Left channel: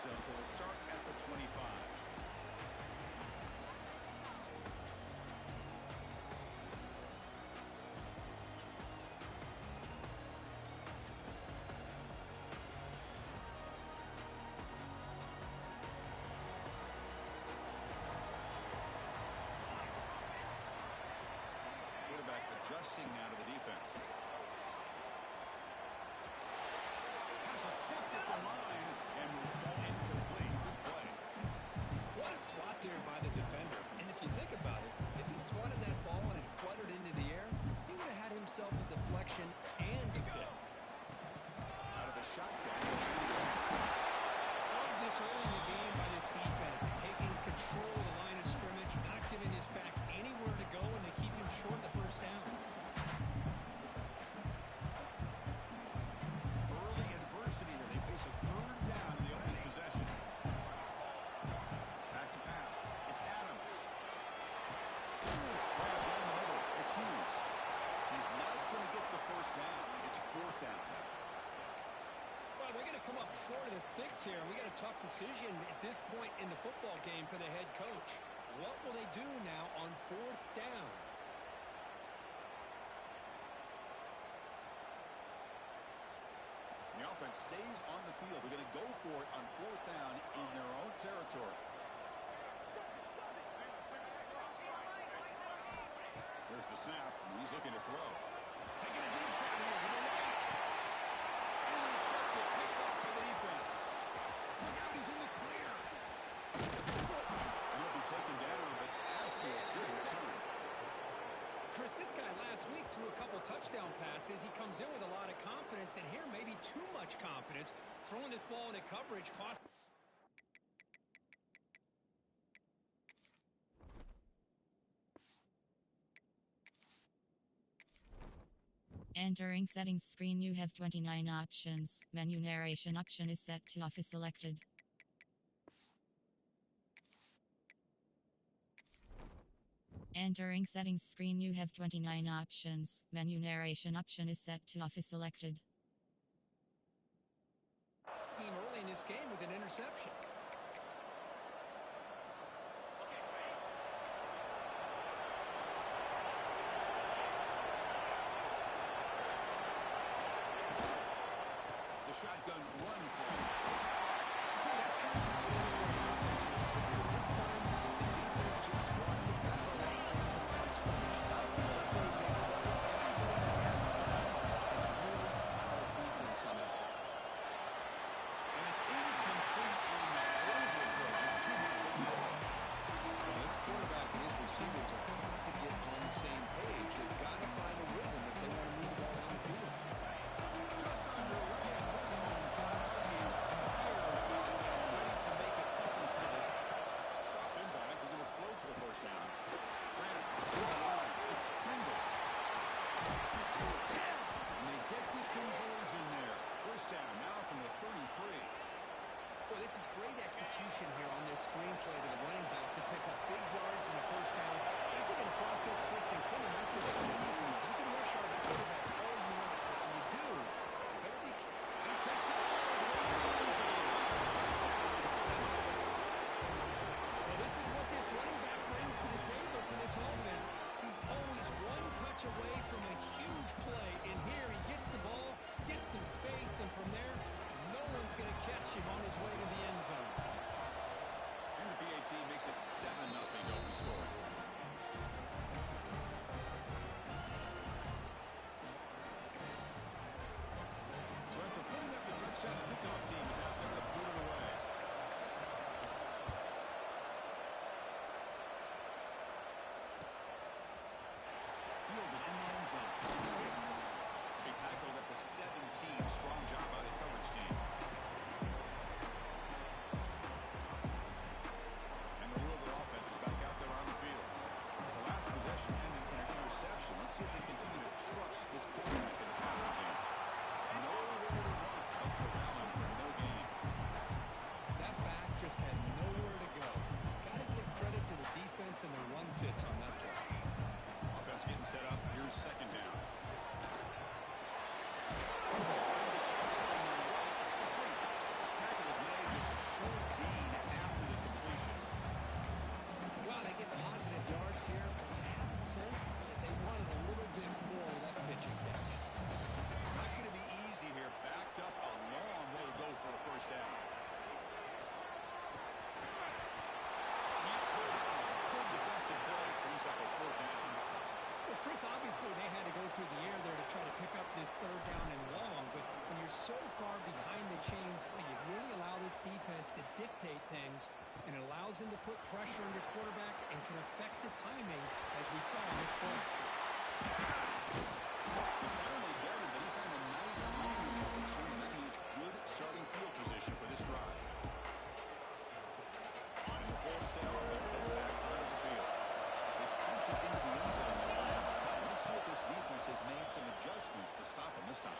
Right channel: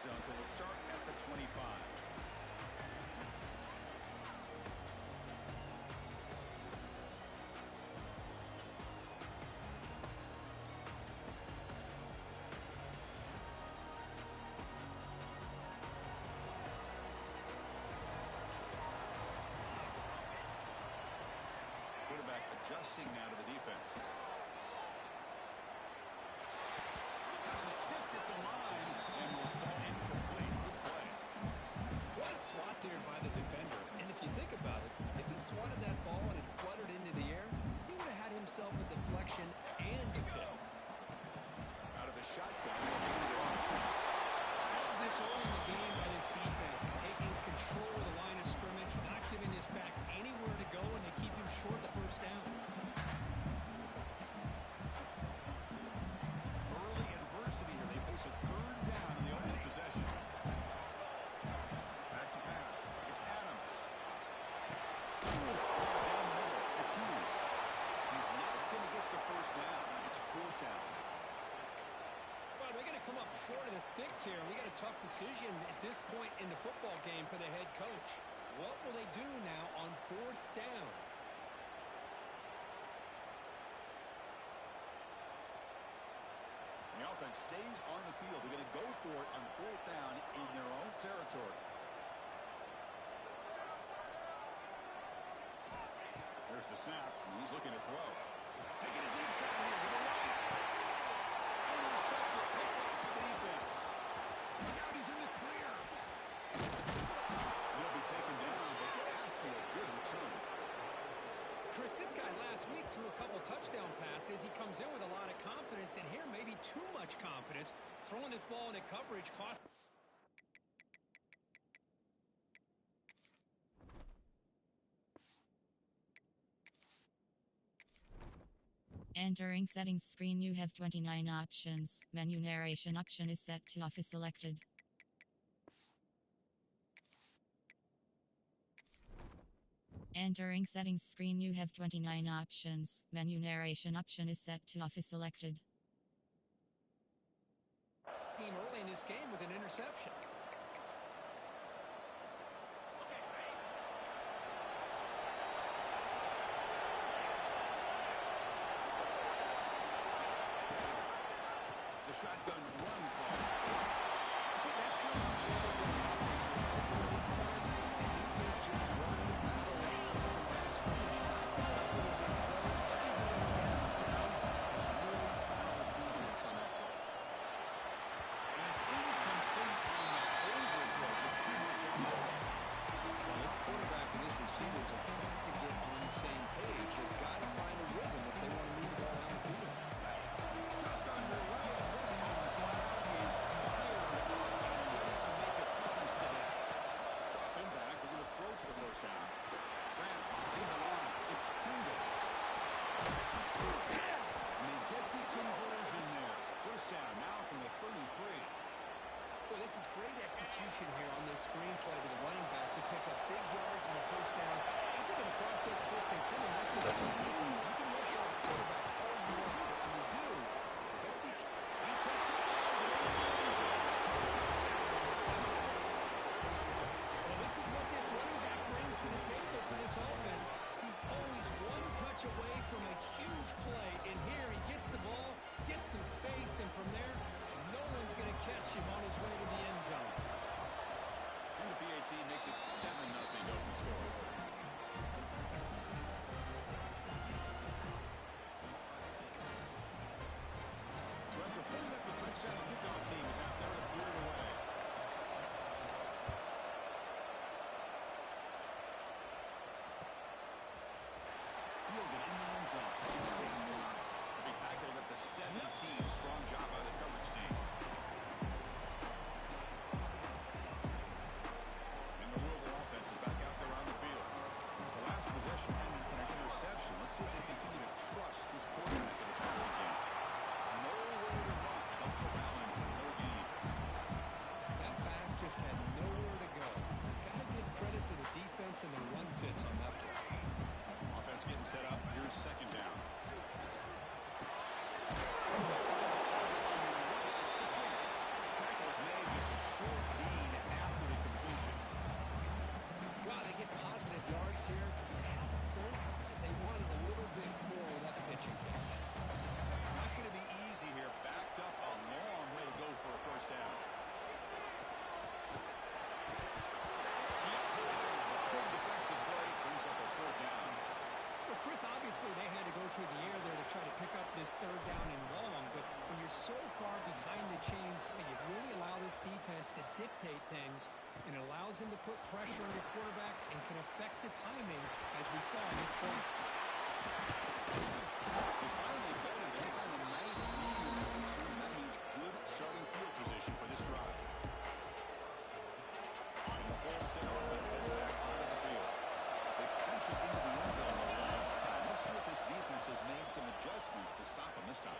zone, so they'll start at the 25. Quarterback adjusting now to the defense. Pass is tipped at the line and will fall incomplete. Good play. What a swat there by the defender. And if you think about it, if he swatted that ball and it fluttered into the air, he would have had himself a deflection and a pick. Out of the shotgun. Love this early in the game by this defense, taking control of the line of scrimmage, not giving this back anywhere to go, and they keep him short of the first down. Early adversity here. They face a third down in the opening possession. Back to pass. It's Adams. Right down the middle. It's Hughes. He's not going to get the first down. It's fourth down now. Well, they're going to come up short of the sticks here. We got a tough decision at this point in the football game for the head coach. What will they do now on fourth down? The offense stays on the field. They're going to go for it on fourth down in their own territory. There's the snap. He's looking to throw. Taking a deep shot here to the right. Intercepted, picked off by the defense. Look out, he's in the clear. He'll be taken down, but after a good return. Chris, this guy last week threw a couple touchdown passes. He comes in with a lot of confidence, and here maybe too much confidence. Throwing this ball into coverage cost. Entering settings screen, you have 29 options. Menu narration option is set to off is selected. Entering settings screen, you have 29 options. Menu narration option is set to off is selected. Team early in this game with an interception. It's a shotgun run call. See, that's how you win when the offense works. This time, the defense just won the battle right from the line of scrimmage. Not giving up any big plays. Everybody's gap sound. It's really solid defense on that play. And it's incomplete on the overthrow. There's too much on the ball. Well, this quarterback and his receivers have got to get on the same page. They've got to find a rhythm if they want to move the ball down the field. Just underway, and this home crowd is fired up and ready to make a difference today. Drop him back. We're going to throw for the first down. Grant to the line. It's Pringle. And they get the conversion there. First down now from the 33. Boy, this is great execution here on this screenplay to the running back to pick up big yards in the first down. I think in the process, Chris, they send a message to the defense. You can rush our quarterback all you want, but when you do, you better be... He takes it all the way to the end zone. Touchdown, Seminoles. Well, this is what this running back brings to the table for this offense. He's always one touch away from a huge play. And here he gets the ball, gets some space, and from there, no one's going to catch him on his way to the end zone. And the PAT makes it 7-0 to open scoring. So after putting up the touchdown, the kickoff team is out there to boot it away. Fielded in the end zone. It's Hicks. They tackled at the 17. Strong job by the coverage team. And the Louisville offense is back out there on the field. The last possession ended in an interception. Let's see if they continue to trust this quarterback in the passing game. Nowhere to run. They'll corral him for no gain. That back just had nowhere to go. Got to give credit to the defense and the run fits on that play. Offense getting set up. Here's second down. Finds a target on the right. It's complete. Tackle is made. Just a short get positive yards here, but you have a sense that they wanted a little bit more with that pitching catch. Not going to be easy here. Backed up a long way to go for a first down. Keep holding on. Good defensive play brings up a fourth down. Well, Chris, obviously they had to go through the air there to try to pick up this third down and long, but when you're so far behind the chains, you really allow this defense to dictate things, and it allows them to put pressure on your quarterback and can affect the timing, as we saw in this play. They finally get him, but he found a nice lead in that return, and that means good starting field position for this drive. And the forward set offense heads back onto the field. They punch it into the end zone the last time. Let's see if this defense has made some adjustments to stop them this time.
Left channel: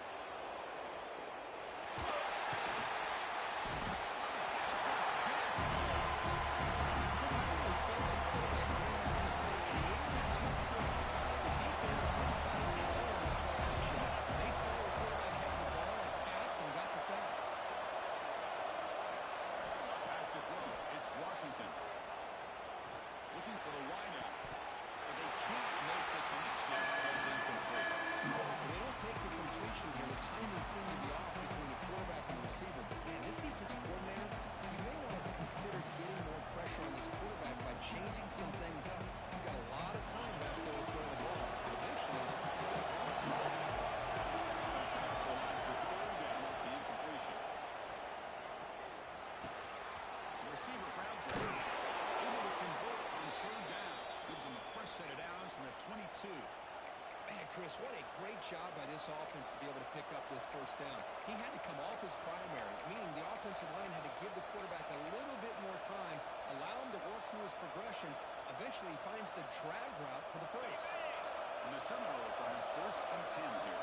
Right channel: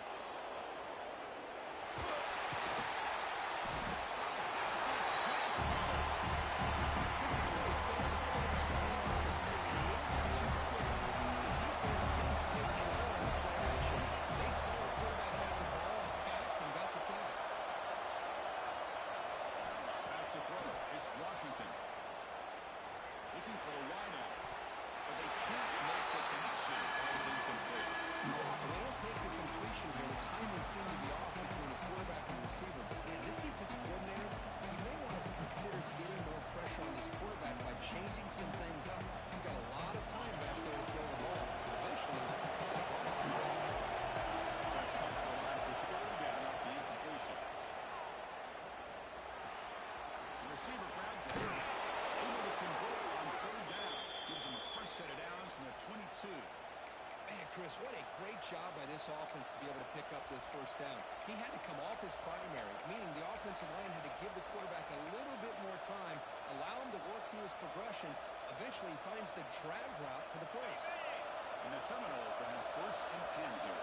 Chris, I really felt the quarterback came off the fake a little bit too quick. The defense didn't bite at all in the play action. They saw the quarterback had the ball, attacked, and got the sack. Back to throw. It's Washington. Looking for the wideout. But they can't make the connection. Ball's incomplete. They don't make the completion here. The timing seemed to be off between the quarterback and the receiver. But, man, this defensive coordinator, you may want to consider getting more pressure on this quarterback by changing some things up. You've got a lot of time back there to throw the ball. Eventually, it's going to cost you. Defense comes to the line for third down off the incompletion. The receiver grabs it. Able to convert on third down. Gives him a fresh set of downs from the 22. Man, Chris, what a great job by this offense to be able to pick up this first down. He had to come off his primary, meaning the offensive line had to give the quarterback a little bit more time, allow him to work through his progressions. Eventually, he finds the drag route for the first. And the Seminoles will have 1st and 10 here.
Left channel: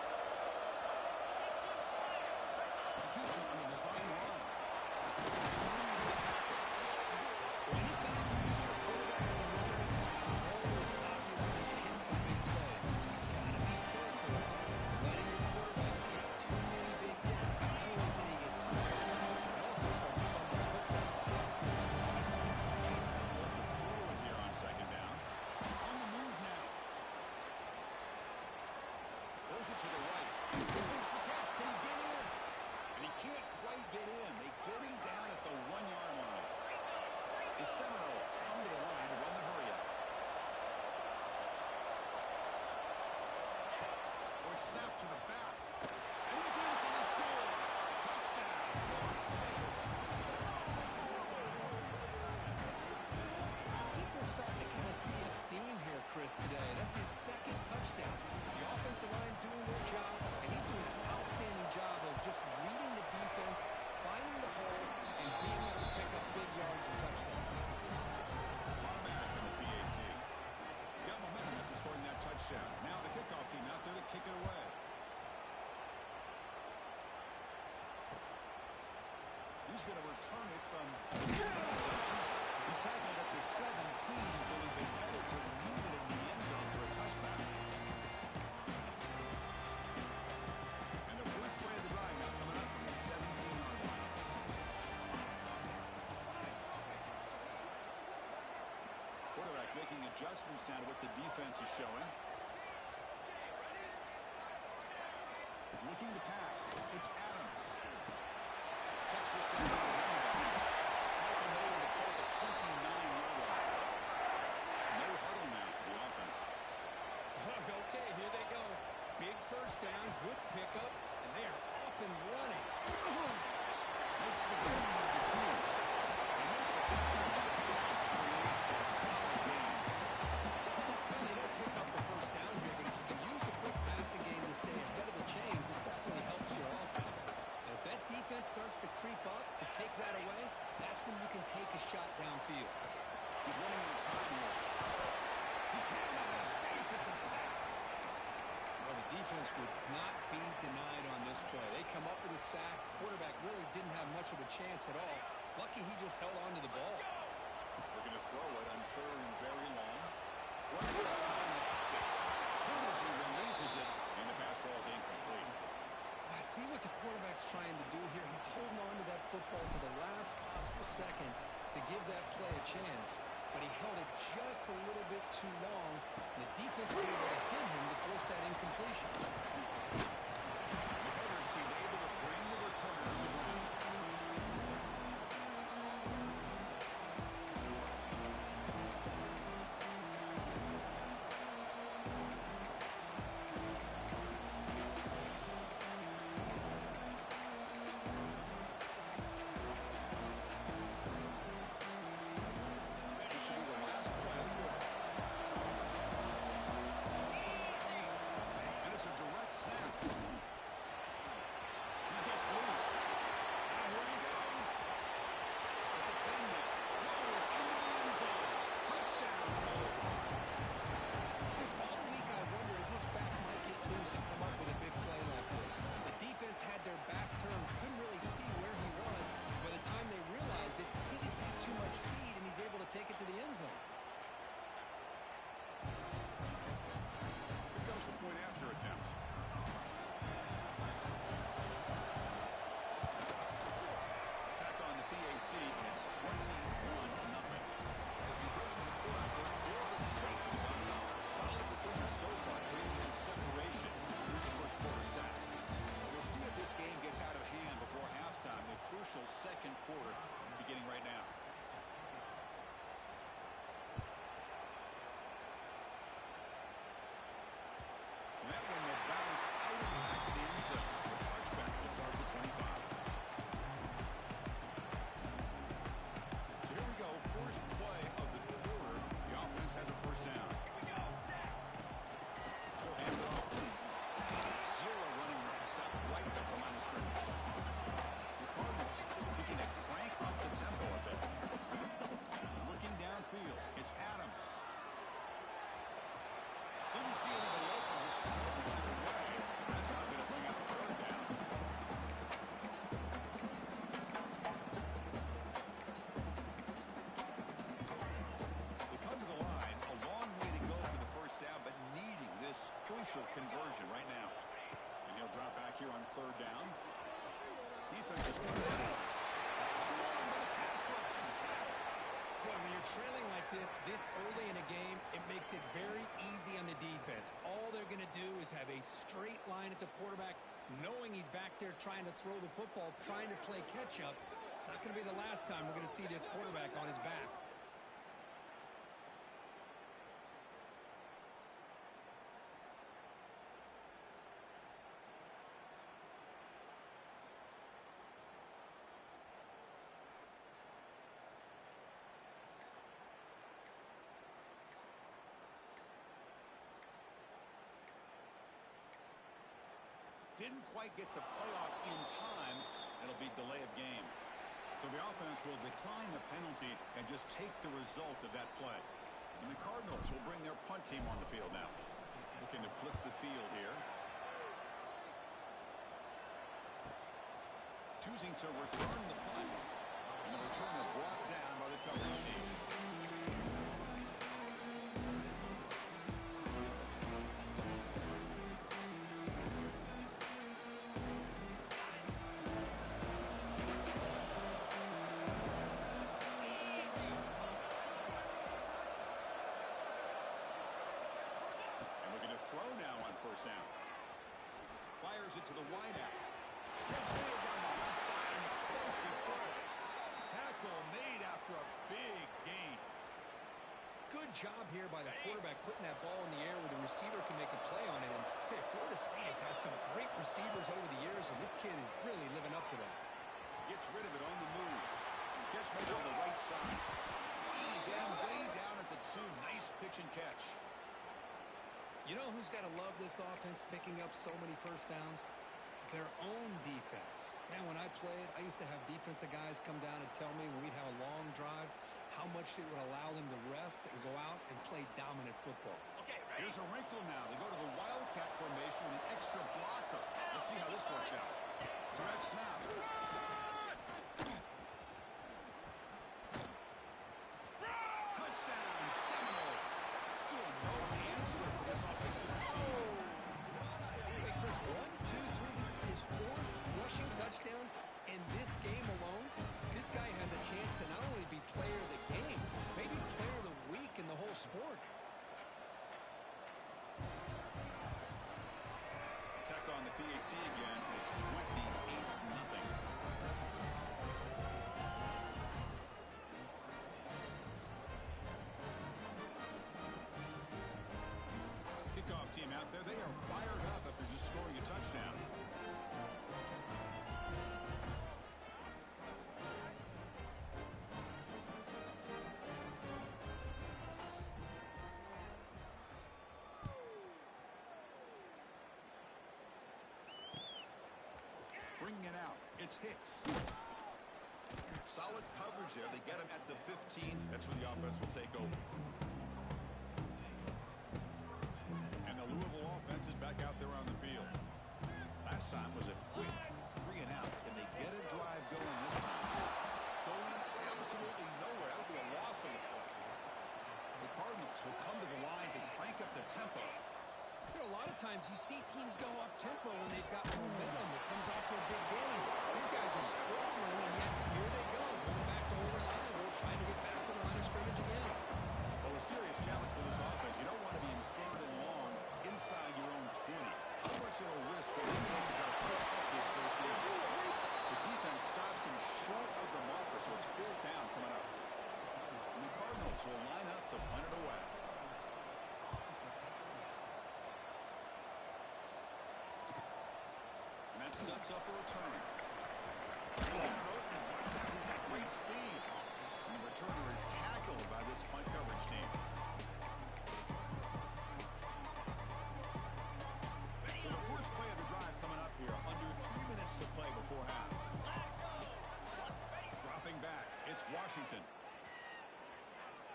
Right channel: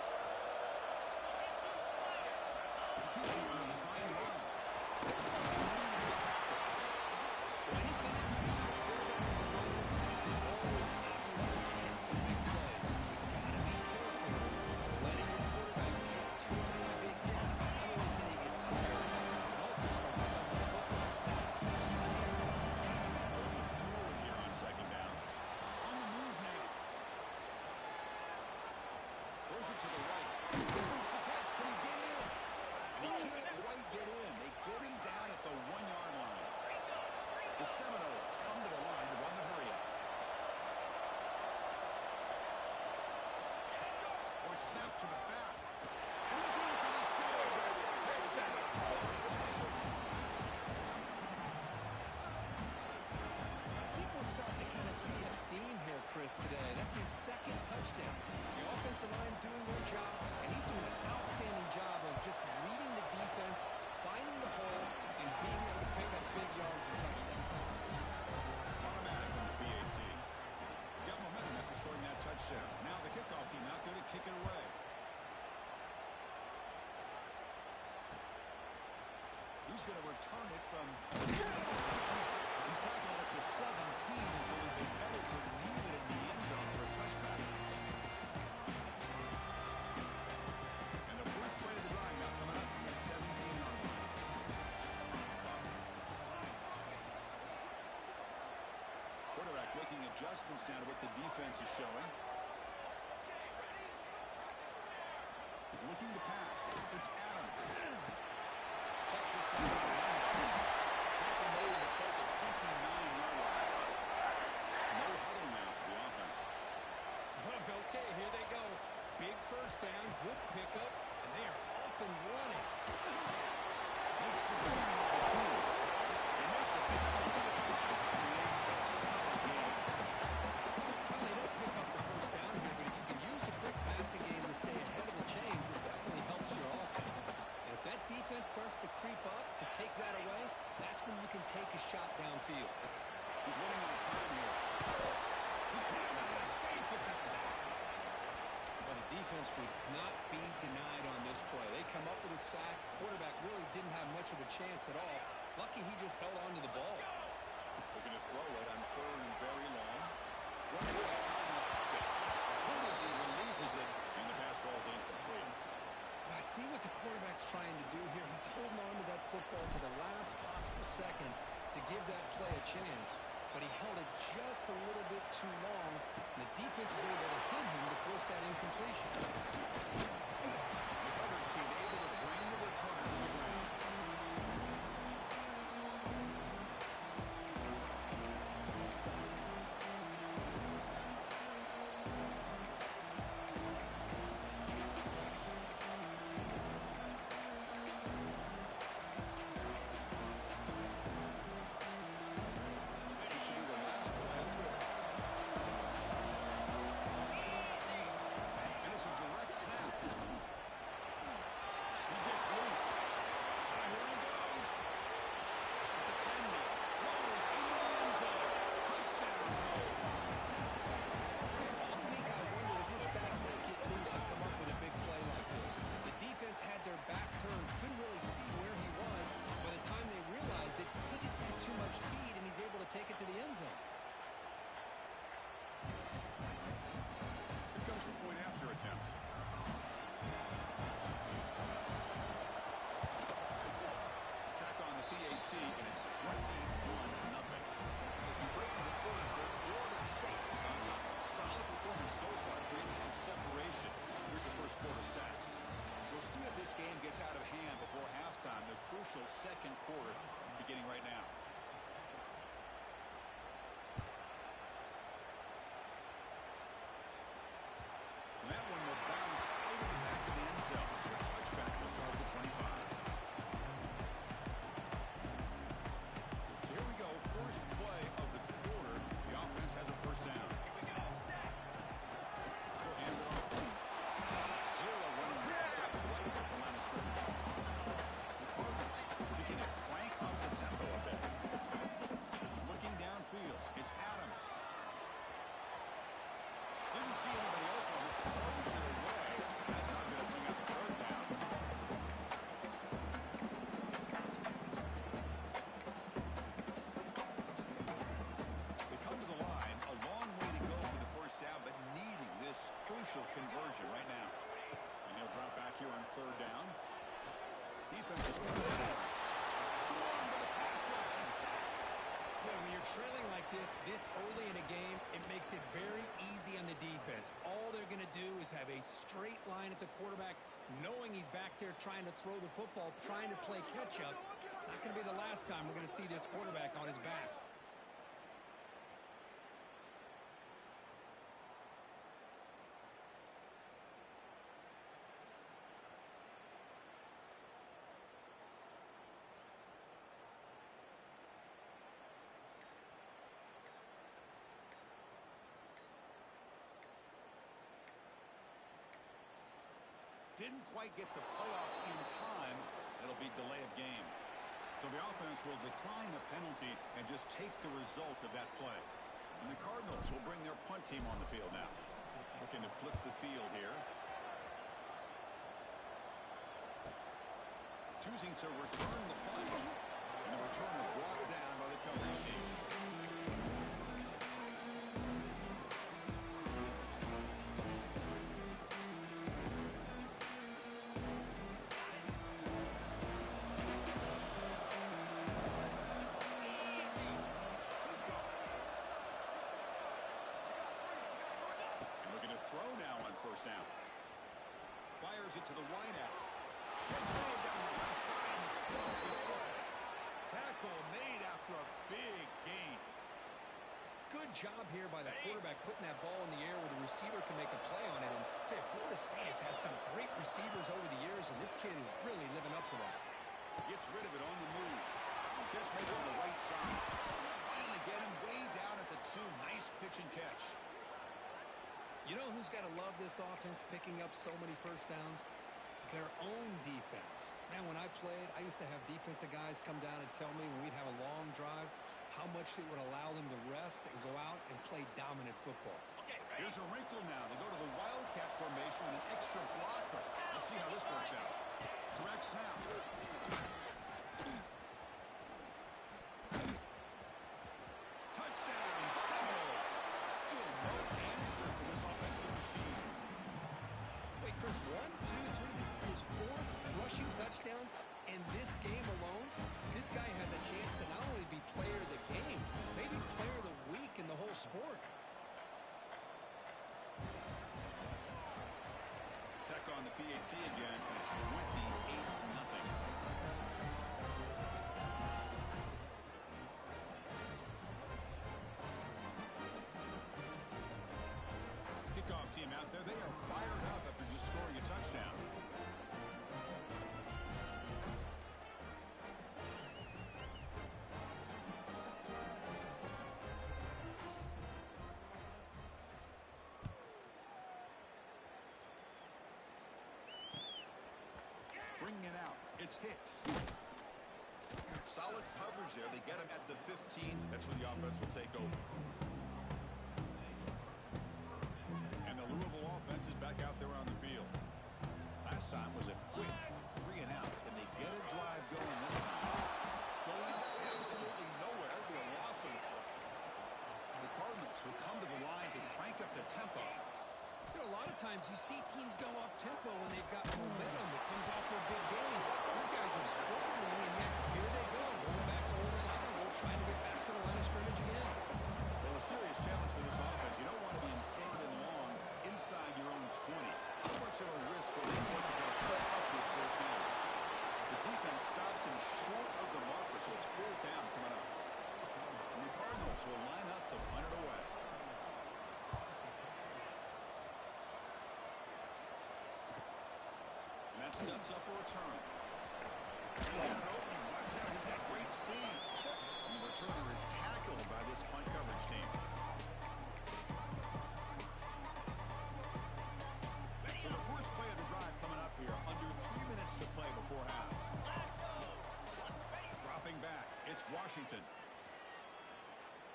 He keeps it on the design run. Leads the tackle. Well, anytime you use your quarterback as a runner, the goal is obviously to hit some big plays. Gotta be careful of letting your quarterback take too many big hits. Not only can he get tired, he can also start to fumble the football. Look to throw it here on 2nd down. On the move now. Throws it to the right. Makes the catch. Can he get in? And he can't quite get in. They get him down at the 1-yard line. The Seminoles come to the line to run the hurry-up. Or it's snapped to the back. And he's in for the score. Touchdown, Florida State. I think we're starting to kind of see a theme here, Chris, today. That's his 2nd touchdown. The offensive line doing their job, and he's doing an outstanding job of just reading the defense, finding the hole, and being able to pick up big yards and touchdowns. Automatic on the PAT. Got momentum after scoring that touchdown. Now the kickoff team out there to kick it away. He's going to return it from... He's tackled at the 17, so it'd be better to leave it in the end zone for a touchback. And the first play of the drive now coming up from the 17-yard line. Quarterback making adjustments down to what the defense is showing. Looking to pass. It's Adams. Checks this down to the running back. Tackle made to play the 29-yard line. No huddle now for the offense. Okay, here they go. Big first down, good pickup, and they are off and running. Makes the grab with the twos. They make the tackle, and the defense creates a solid game. Well, they don't pick up the first down here, but if you can use the quick passing game to stay ahead of the chains, it definitely helps your offense. And if that defense starts to creep up to take that away, that's when you can take a shot downfield. He's running out of time here. He cannot escape. It's a sack. Well, the defense would not be denied on this play. They come up with a sack. Quarterback really didn't have much of a chance at all. Lucky he just held on to the ball. Looking to throw it on 3rd and very long. Running out of time in the pocket. Good as he releases it, and the pass ball is incomplete. I see what the quarterback's trying to do here. He's holding on to that football to the last possible second to give that play a chance. but he held it just a little bit too long. And the defense is able to hit him to force that incompletion. The coverage seemed able to bring the returner to the ground. Finishing the last play of the quarter. And it's a direct snap. He gets loose. Now here he goes. At the 10 now. Rolls into the end zone. Touchdown, Rolls. This all week I wondered if this back might get loose and come up with a big play like this. The defense had their back turned, couldn't really see where he was. By the time they realized it, he just had too much speed, and he's able to take it to the end zone. Here comes the point after attempt. Attack on the PAT, and it's 21-0. As we break for the quarter, Florida State is on top. Solid performance so far, creating some separation. Here's the first quarter stats. We'll see if this game gets out of hand before halftime. The crucial second quarter beginning right now. And that one will bounce out of the back of the end zone. So a touchback will start at the 25. So here we go. First play of the quarter. The offense has a first down. Here we go. He'll hand it off. Zero running room. Stop right at the line of scrimmage. The Cardinals looking to crank up the tempo a bit. Looking downfield. It's Adams. Didn't see anybody open. Just throws it away. That's not going to bring up third down. They come to the line. A long way to go for the first down, but needing this crucial conversion right now. And he'll drop back here on third down. Defense is coming in. Swarmed by the pass rush. A sack. Boy, when you're trailing like this early in a game, it makes it very easy on the defense. All they're going to do is have a straight line at the quarterback, knowing he's back there trying to throw the football, trying to play catch-up. It's not going to be the last time we're going to see this quarterback on his back. Didn't quite get the playoff in time. It'll be delay of game. So the offense will decline the penalty and just take the result of that play. And the Cardinals will bring their punt team on the field now. Looking to flip the field here. Choosing to return the punt. And the returner brought down by the coverage team. Throw now on first down. Fires it to the wideout. Catch made down the left side. An explosive play. Tackle made after a big gain. Good job here by the quarterback putting that ball in the air where the receiver can make a play on it. And I tell you, Florida State has had some great receivers over the years, and this kid is really living up to that. Gets rid of it on the move. Catch made on the right side. Finally get him way down at the 2. Nice pitch and catch. You know who's got to love this offense picking up so many first downs? Their own defense. Man, when I played, I used to have defensive guys come down and tell me when we'd have a long drive how much it would allow them to rest and go out and play dominant football. Okay, ready? Here's a wrinkle now. They go to the Wildcat formation with an extra blocker. Let's see how this works out. Direct snap. Touchdown, Seminoles. Still no answer for this offensive machine. Wait, Chris, 1, 2, 3. This is his 4th rushing touchdown. In this game alone, this guy has a chance to not only be player of the game, maybe player of the week in the whole sport. Tech on the PAT again, and it's 28-0. Kickoff team out there, they are fired up after just scoring a touchdown. Bringing it out, it's Hicks. Solid coverage there. They get him at the 15. That's where the offense will take over. And the Louisville offense is back out there on the field. Last time was a quick 3 and out. Can they get a drive going this time? Going absolutely nowhere. That would be a loss of the play. The Cardinals will come to the line to crank up the tempo. You know, a lot of times you see teams go up-tempo when they've got momentum that comes off to a big game. These guys are struggling, and yet here they go, going back to old reliable, trying to get back to the line of scrimmage again. Well, a serious challenge for this offense. You don't want to be in 3rd and long inside your own 20. How much of a risk will they take to try to put up this first down? The defense stops him short of the marker, so it's 4th down coming up. And the Cardinals will line up to punt it away. And that sets up a return. He's got an opening. Watch out. He's got great speed. And the returner is tackled by this punt coverage team. So the first play of the drive coming up here. Under 3 minutes to play before half. Dropping back. It's Washington.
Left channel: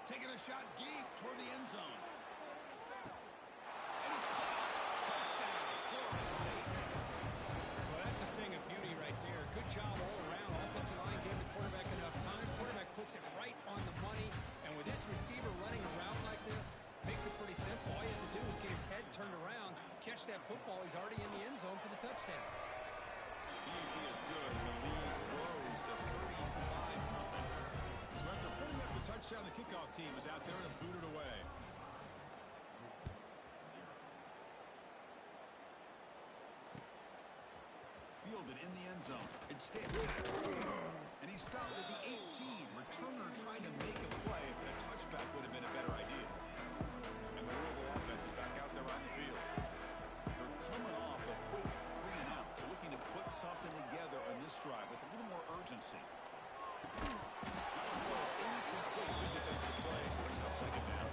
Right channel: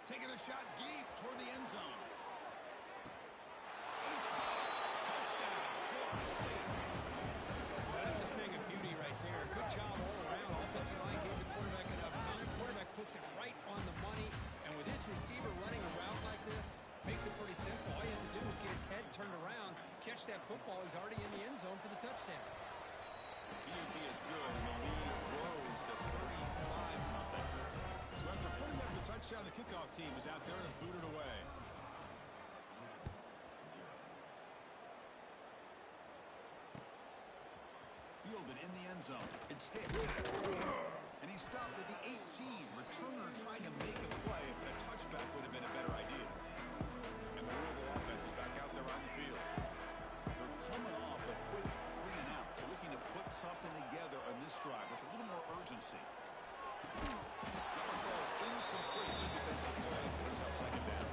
Taking a shot deep toward the end zone. And it's caught. Touchdown, Florida State. Well, that's a thing of beauty right there. Good job all around. Offensive line gave the quarterback enough time. Quarterback puts it right on the money. And with this receiver running a route like this, makes it pretty simple. All you have to do is get his head turned around, catch that football. He's already in the end zone for the touchdown. PAT is good, and the lead grows to 35-0. So after putting up the touchdown, the kickoff team is out there to boot it away. Fielded in the end zone. It's Hicks. And he stopped at the 18. Returner trying to make a play, but a touchback would have been a better idea. And the Louisville offense is back out there on the field. They're coming off a quick 3 and out, so looking to put something together on this drive with a little more urgency. That one falls incomplete. Good defensive play. Brings up 2nd down.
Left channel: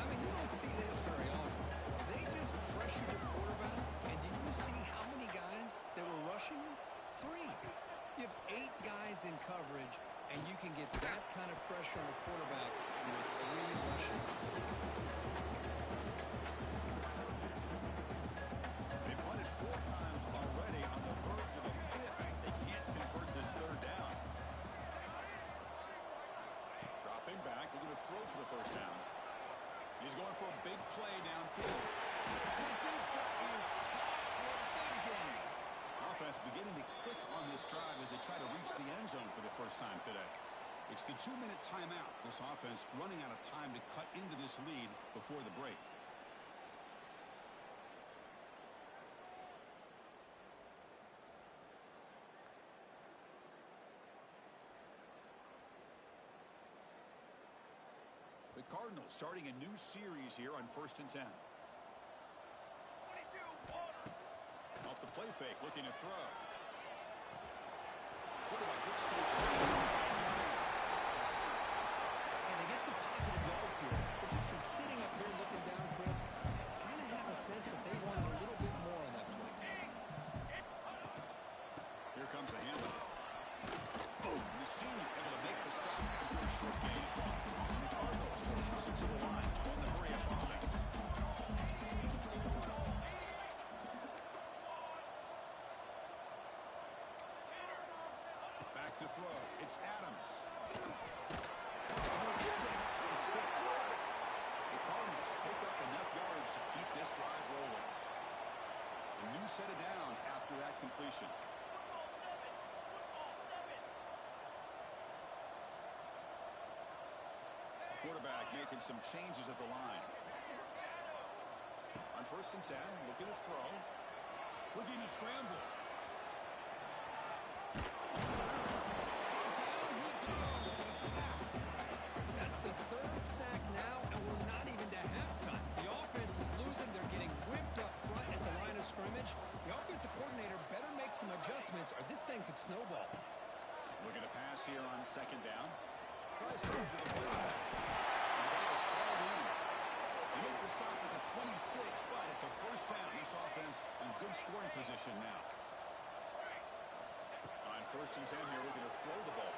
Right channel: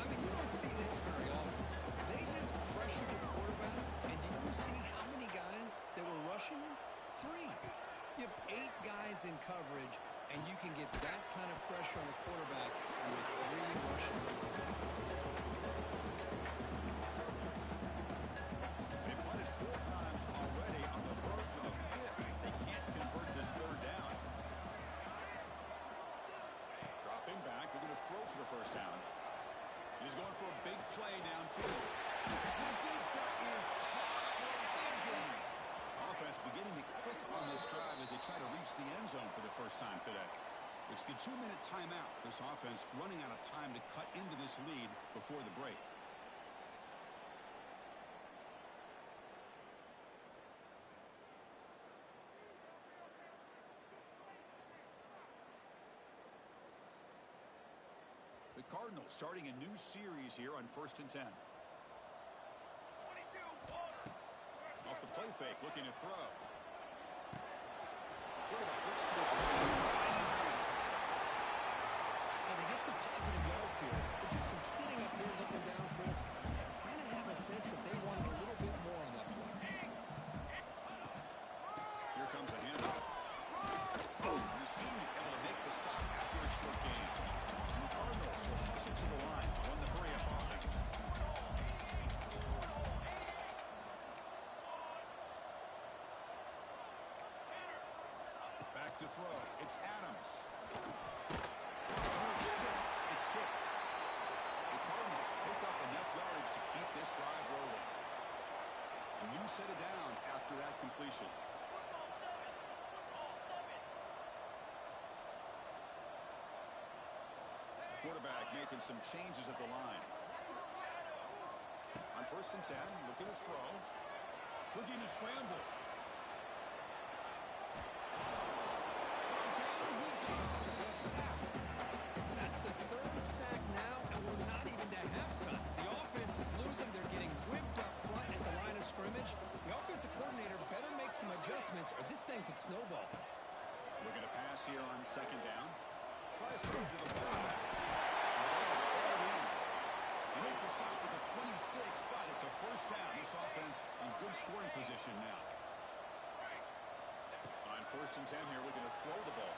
I mean, you don't see this very often. They just pressured the quarterback, and did you see how many guys that were rushing him? 3. You have 8 guys in coverage, and you can get that kind of pressure on a quarterback with 3 rushing. They punted 4 times already on the verge of the 5th. They can't convert this 3rd down. Dropping back, looking to throw for the first down. He's going for a big play downfield. The deep shot is caught for a big gain. Offense beginning to click on this drive as they try to reach the end zone for the first time today. It's the 2-minute timeout. This offense running out of time to cut into this lead before the break. The Cardinals starting a new series here on 1st and 10. 22, Warner. Off the play fake, looking to throw. Quarterback looks to his right, finds his man. And they get some positive yards here, but just from sitting up here looking down, Chris, kind of have a sense that they wanted a little bit more on that play. Here comes a handoff. Boom! The senior able to make the stop after a short gain. And the Cardinals will hustle to the line to run the hurry-up offense. Back to throw. It's Adams. It's Hicks. The Cardinals pick up enough yardage to keep this drive rolling. A new set of downs after that completion. quarterback making some changes at the line. On 1st and 10, looking to throw. Looking to scramble. Down he goes, and a sack. That's the 3rd sack now, and we're not even to halftime. The offense is losing. They're getting whipped up front at the line of scrimmage. The offensive coordinator better make some adjustments, or this thing could snowball. Looking to pass here on 2nd down. Tries to move to the fullback. And the ball is hauled in. They make the stop at the 26, but it's a 1st down. This offense in good scoring position now. On 1st and 10 here, looking to throw the ball.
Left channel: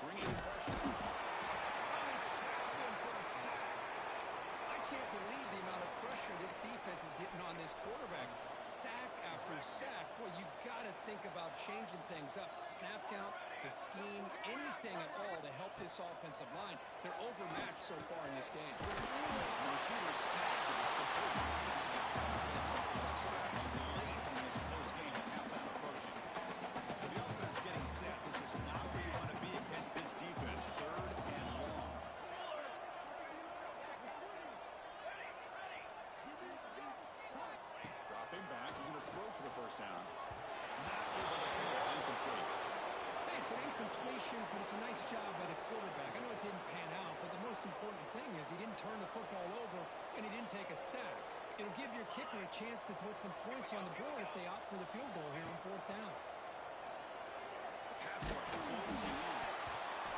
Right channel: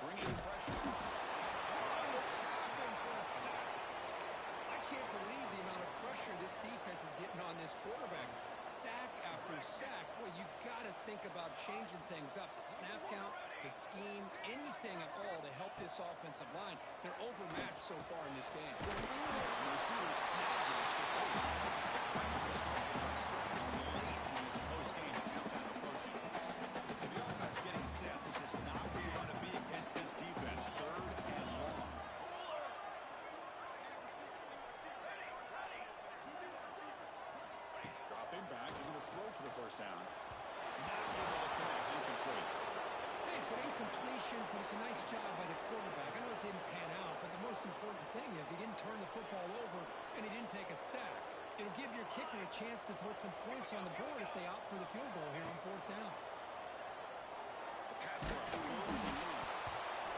Bringing pressure. They trap him for a sack. I can't believe the amount of pressure this defense is getting on this quarterback. Sack after sack. Boy, you got to think about changing things up. The snap count, the scheme, anything at all to help this offensive line. They're overmatched so far in this game. The receiver snags it. It's complete. Timeout is called. Tough stretch late in this close game with halftime approaching. So the offense getting set. This is not where you want to be against this defense. 3rd and long. Dropping back. You're going to throw for the 1st down. Not able to connect. Incomplete. Hey, it's an incompletion, but it's a nice job by the quarterback. I know it didn't pan out, but the most important thing is he didn't turn the football over and he didn't take a sack. It'll give your kicker a chance to put some points on the board if they opt for the field goal here on 4th down. The pass rush closing in.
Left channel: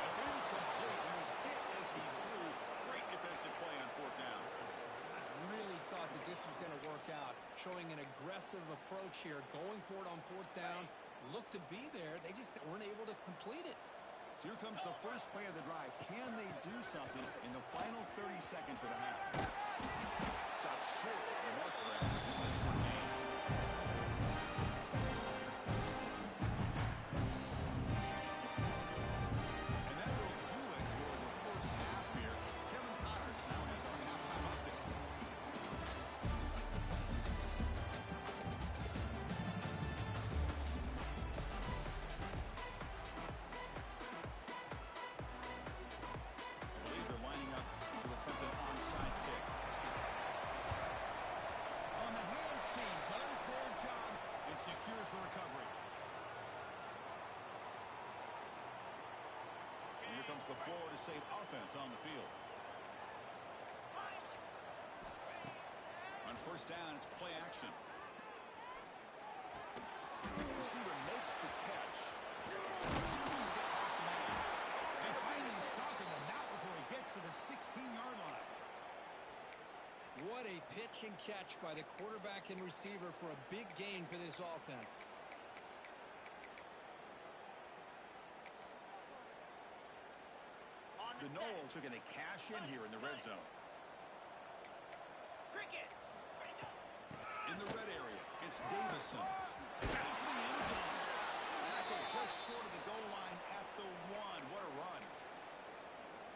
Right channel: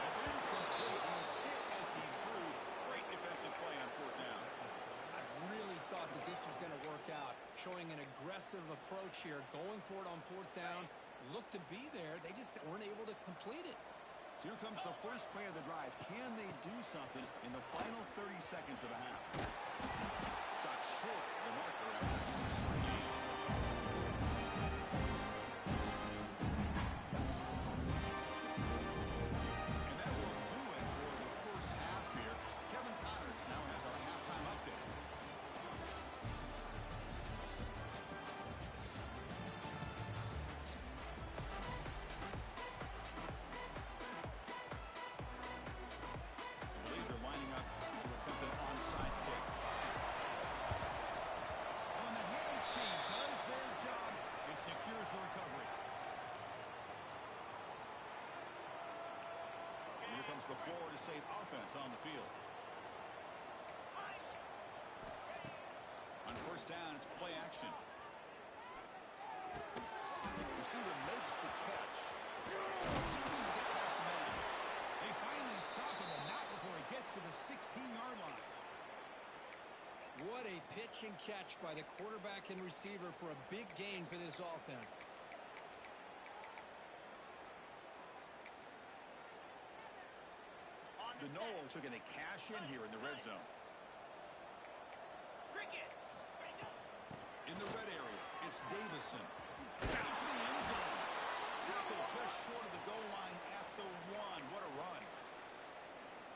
That's incomplete. He was hit as he threw. Great defensive play on 4th down. I really thought that this was going to work out, showing an aggressive approach here, going for it on 4th down. Looked to be there. They just weren't able to complete it. So here comes the first play of the drive. Can they do something in the final 30 seconds of the half? Stopped short of the marker after just a short game. And that will do it for the first half here. Kevin Connors now has our halftime update. I believe they're lining up to attempt an onside kick. On the hands team does their job and secures the recovery. And here comes the Florida State offense on the field. On 1st down, it's play action. Receiver makes the catch. Chooses to get past a man. They finally stop him, and not before he gets to the 16-yard line. What a pitch and catch by the quarterback and receiver for a big gain for this offense. The Noles are going to cash in here in the red zone. Cricket. In the red area, it's Davison. Down for the end zone. Tackle just short of the goal line at the 1. What a run.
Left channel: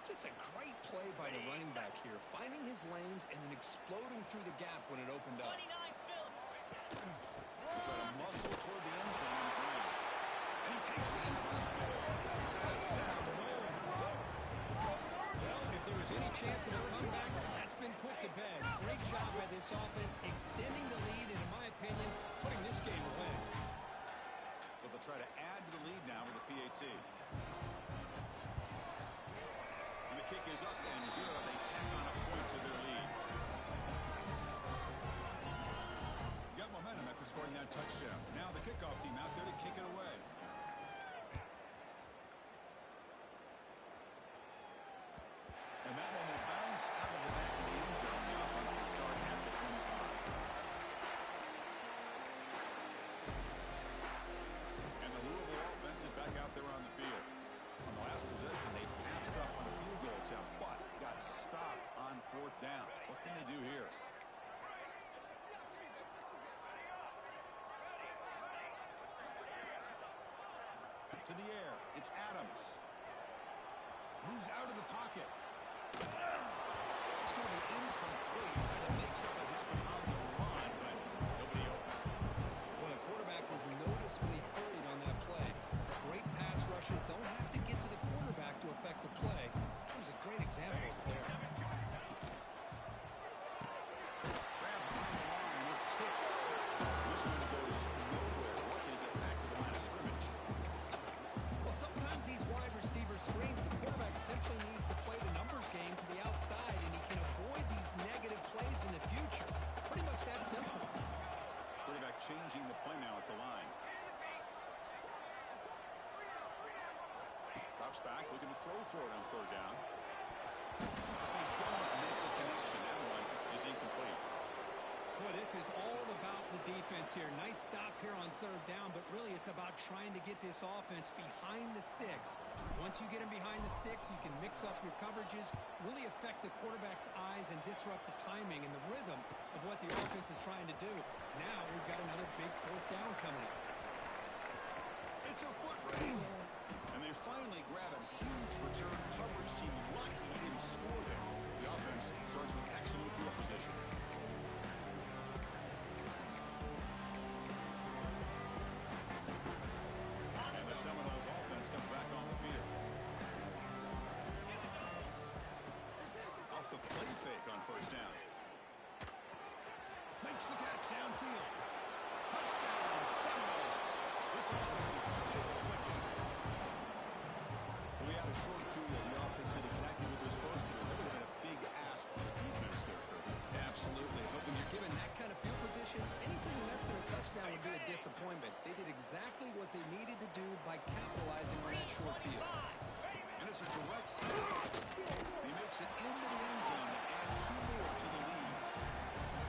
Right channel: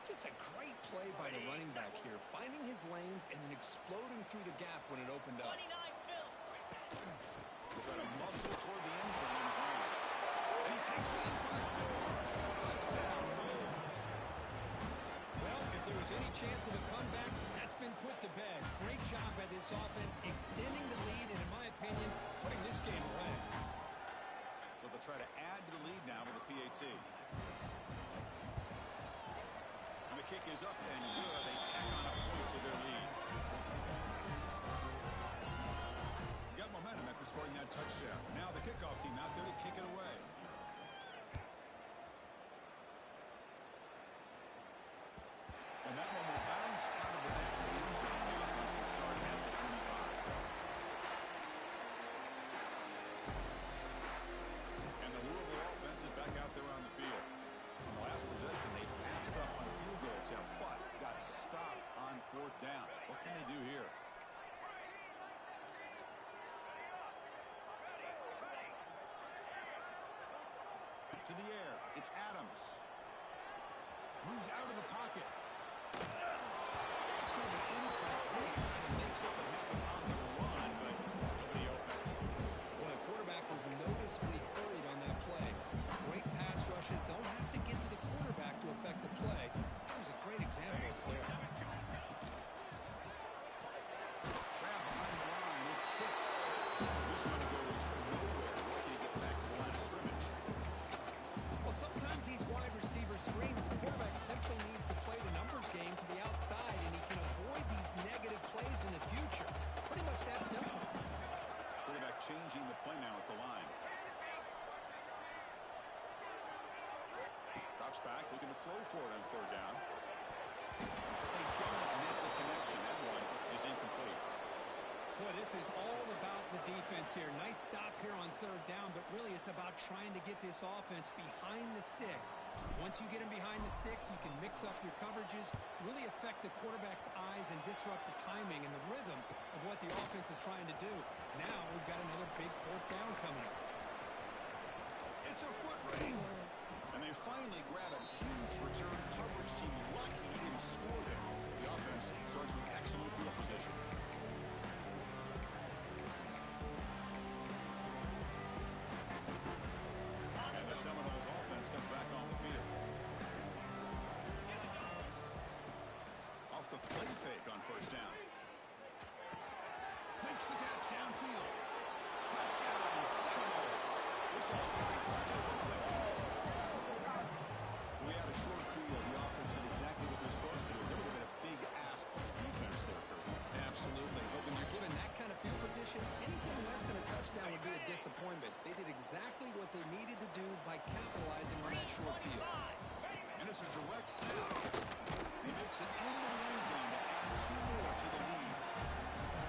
Just a great play by the running back here, finding his lanes and then exploding through the gap when it opened up. 29 Phil. He tried to muscle toward the end zone on the ground. And he takes it in for the score. Touchdown, Noles. Well, if there was any chance of a comeback, that's been put to bed. Great job by this offense, extending the lead and, in my opinion, putting this game away. So they'll try to add to the lead now with a PAT. And the kick is up and good. They tack on a point to their lead. Got momentum after scoring that touchdown. Now the kickoff team out there to kick it away. And that one will bounce out of the back of the end zone. The offense will start at the 25. And the Louisville offense is back out there on the field. On the last possession, they passed up on a field goal attempt, but got stopped on 4th down. What can they do here? To the air, it's Adams. Moves out of the pocket. It's going to be incomplete. Trying to make something happen on the run, but nobody open. Well, the quarterback was noticeably hurried on that play. Great pass rushes don't have to get to the quarterback to affect the play. That was was a great example of it there. Grab behind the line. It's Hicks. This one goes nowhere. Lucky to get back to the line of scrimmage. Well, sometimes these wide receiver screens, the quarterback simply needs to play the numbers game to the outside, and he can avoid these negative plays in the future. Pretty much that simple. Quarterback changing the play now at the line. Drops back, looking to throw for it on third down. But they don't make the connection. That one is incomplete. Boy, this is all about the defense here. Nice stop here on third down, but really it's about trying to get this offense behind the sticks. Once you get them behind the sticks, you can mix up your coverages, really affect the quarterback's eyes and disrupt the timing and the rhythm of what the offense is trying to do. Now we've got another big fourth down coming up. It's a foot race. And they finally grab a huge return coverage team. Lucky he didn't score there. The offense starts with excellent field position. And the Seminoles offense comes back on the field. Off the play fake on first down. Makes the catch downfield. Touchdown, Seminoles. This offense is still clicking. We had a short field. The offense did exactly what they're supposed to do. That would have been a big ask for the defense there, Kirk. Absolutely. But when you're given that kind of field position, anything less than a touchdown would be a disappointment. They did exactly what they needed to do by capitalizing on that short field. And it's a direct snap. He makes it into the end zone to add 2 more to the lead.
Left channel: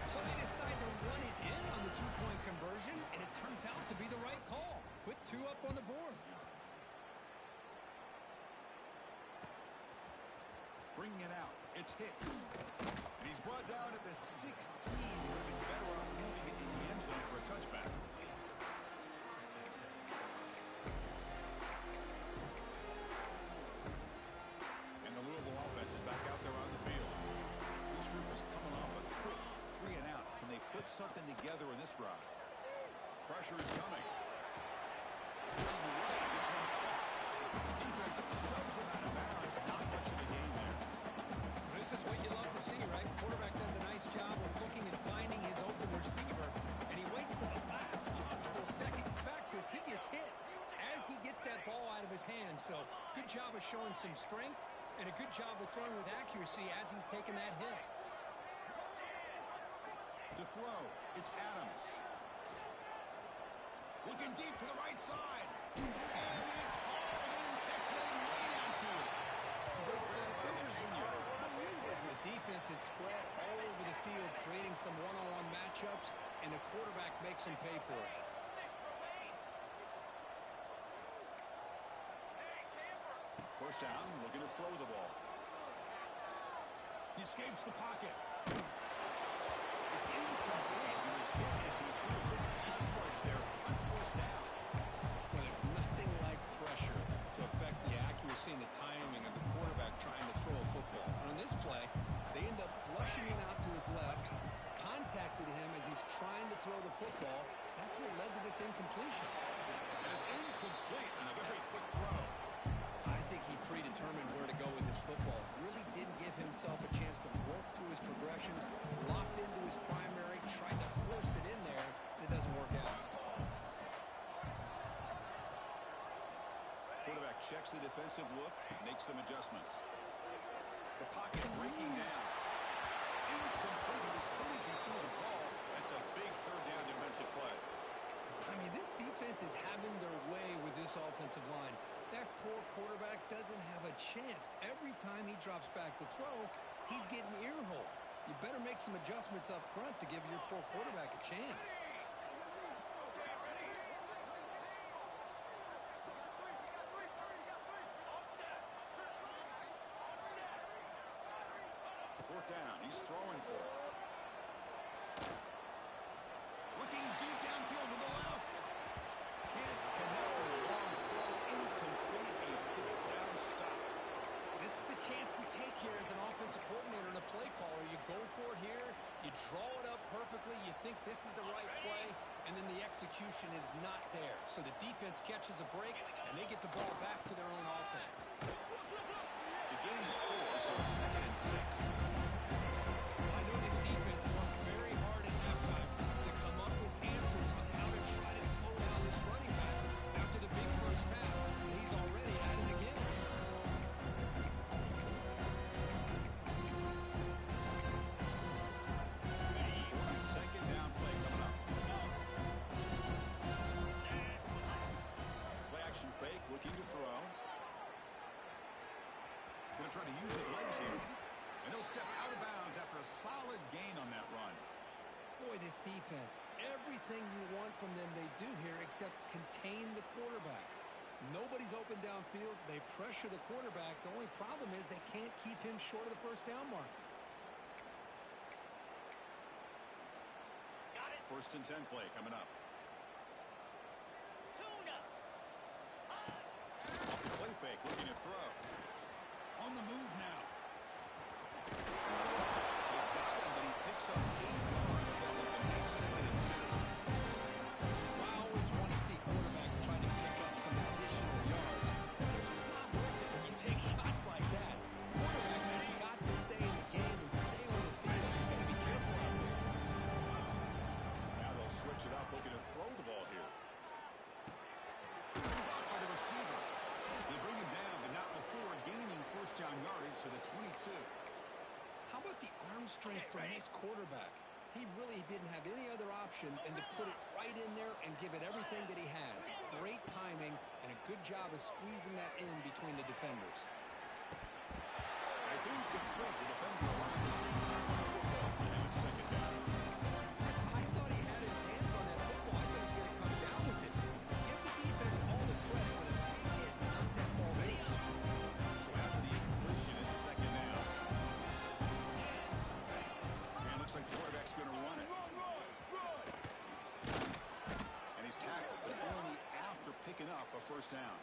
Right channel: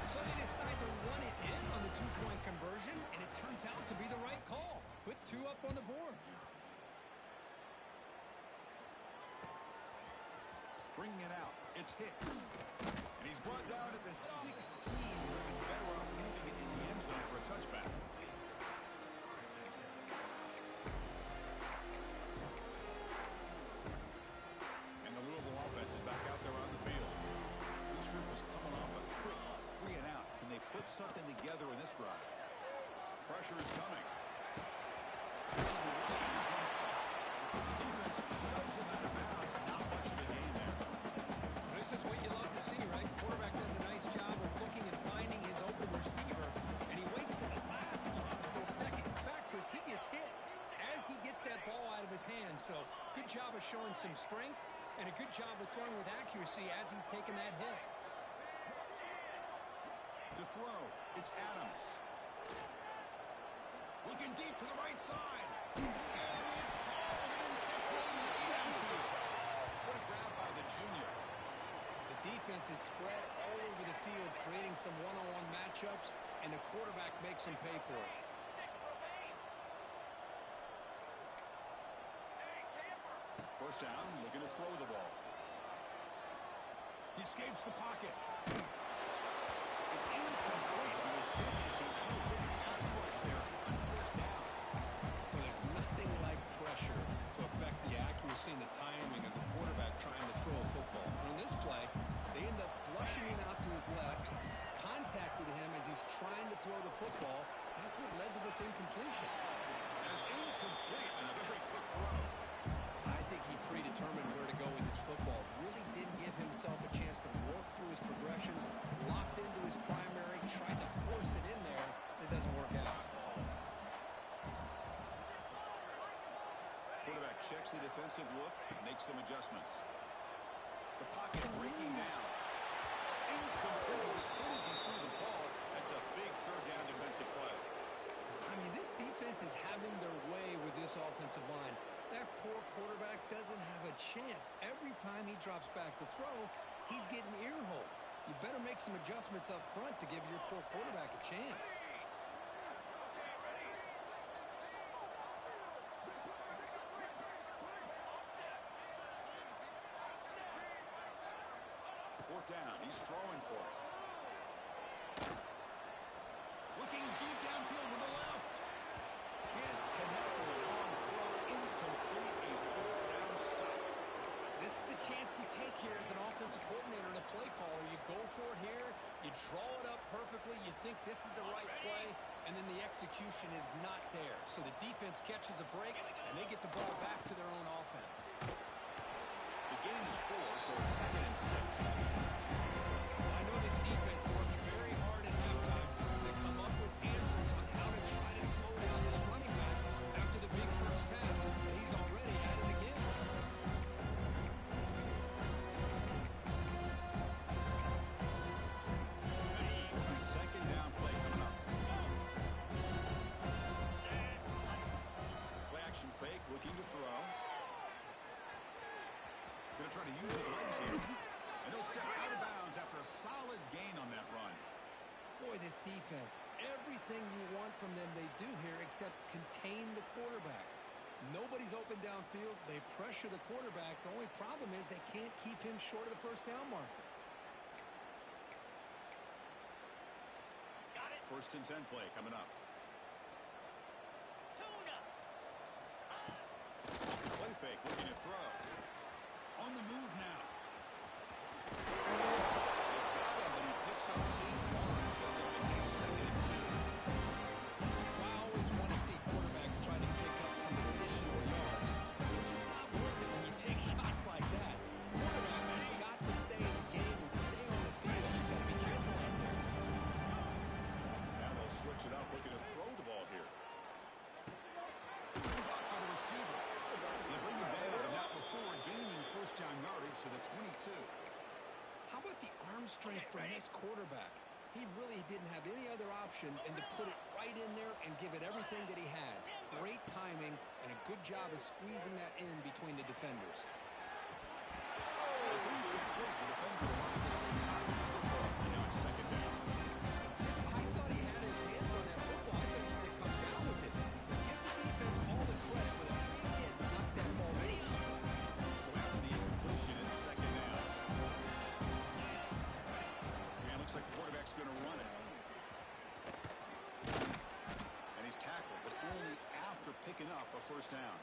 So they decide to run it in on the 2-point conversion, and it turns out to be the right call. Put 2 up on the board. Bringing it out, it's Hicks. And he's brought down at the 16. Would have been better off leaving it in the end zone for a touchback. And the Louisville offense is back out there on the field. This group is coming off a quick 3 and out. Can they put something together in this drive? Pressure is coming. Right, this one caught. Defense shoves him out of bounds. Not much of a gain there. This is what you love to see, right? Quarterback does a nice job of looking and finding his open receiver, and he waits to the last possible second. In fact, Chris, he gets hit as he gets that ball out of his hands. So good job of showing some strength and a good job of throwing with accuracy as he's taking that hit. To throw, it's Adams. Looking deep to the right side. And it's hauled in, catch made way downfield. What a grab by the junior. The defense is spread all over the field, creating some one-on-one matchups, and the quarterback makes them pay for it. First down, looking to throw the ball. He escapes the pocket. It's incomplete. He was hit as he threw. Good pass rush there on first down. Well, there's nothing like pressure to affect the accuracy and the timing of the quarterback trying to throw a football. And on this play, they end up flushing him out to his left, contacted him as he's trying to throw the football. That's what led to this incompletion. And it's incomplete and a very quick throw. I think he predetermined where to go with his football. Really didn't give himself a chance to work through his progressions, locked into his primary, tried to force it in there, and it doesn't work out. Quarterback checks the defensive look, makes some adjustments. The pocket breaking down. Incomplete. It was hit as he threw the ball. That's a big third down defensive play. I mean, this defense is having their way with this offensive line. That poor quarterback doesn't have a chance. Every time he drops back to throw, he's getting ear-hole. You better make some adjustments up front to give your poor quarterback a chance. Fourth down. He's throwing for it. Looking deep downfield to the left. Can't connect with a long throw. Incomplete. A fourth down stop. This is the chance you take here as an offensive coordinator and a play caller. You go for it here. You draw it up perfectly. You think this is the right play, and then the execution is not there. So the defense catches a break, and they get the ball back to their own offense. The gain is 4, so it's 2nd and 6. I know this defense works very hard at halftime to come up with answers on how to try to slow down this running back after the big first half, and he's already at it again. A second down play coming up. Play action fake, looking to throw. Going to try to use his legs here. And he'll step out of bounds after a solid gain on that run. Boy, this defense, everything you want from them they do here except contain the quarterback. Nobody's open downfield. They pressure the quarterback. The only problem is they can't keep him short of the first down marker. Got it. 1st and 10 play coming up. Tuna. Play fake, looking to throw. On the move now. They got him, but he picks up 8 yards. Sets up a nice 2nd and 2. I always want to see quarterbacks try to pick up some additional yards. It's just not worth it when you take shots like that. Quarterbacks have got to stay in the game and stay on the field. He's got to be careful out there. Now they'll switch it up, looking to throw the ball here. Blocked by the receiver. They bring him down, but not before gaining first down yardage to the 22. How about the arm strength from this quarterback? He really didn't have any other option than to put it right in there and give it everything that he had. Great timing and a good job of squeezing that in between the defenders. It's incomplete. The defender arrived at the same time with the football. And now it's 2nd down. Chris, I thought he had his hands on that football. I thought he was going to come down with it. Give the defense all the credit with a big hit and knock that ball loose. So after the incompletion, it's 2nd down. And it looks like the quarterback's going to run it. And he's tackled, but only after picking up a first down.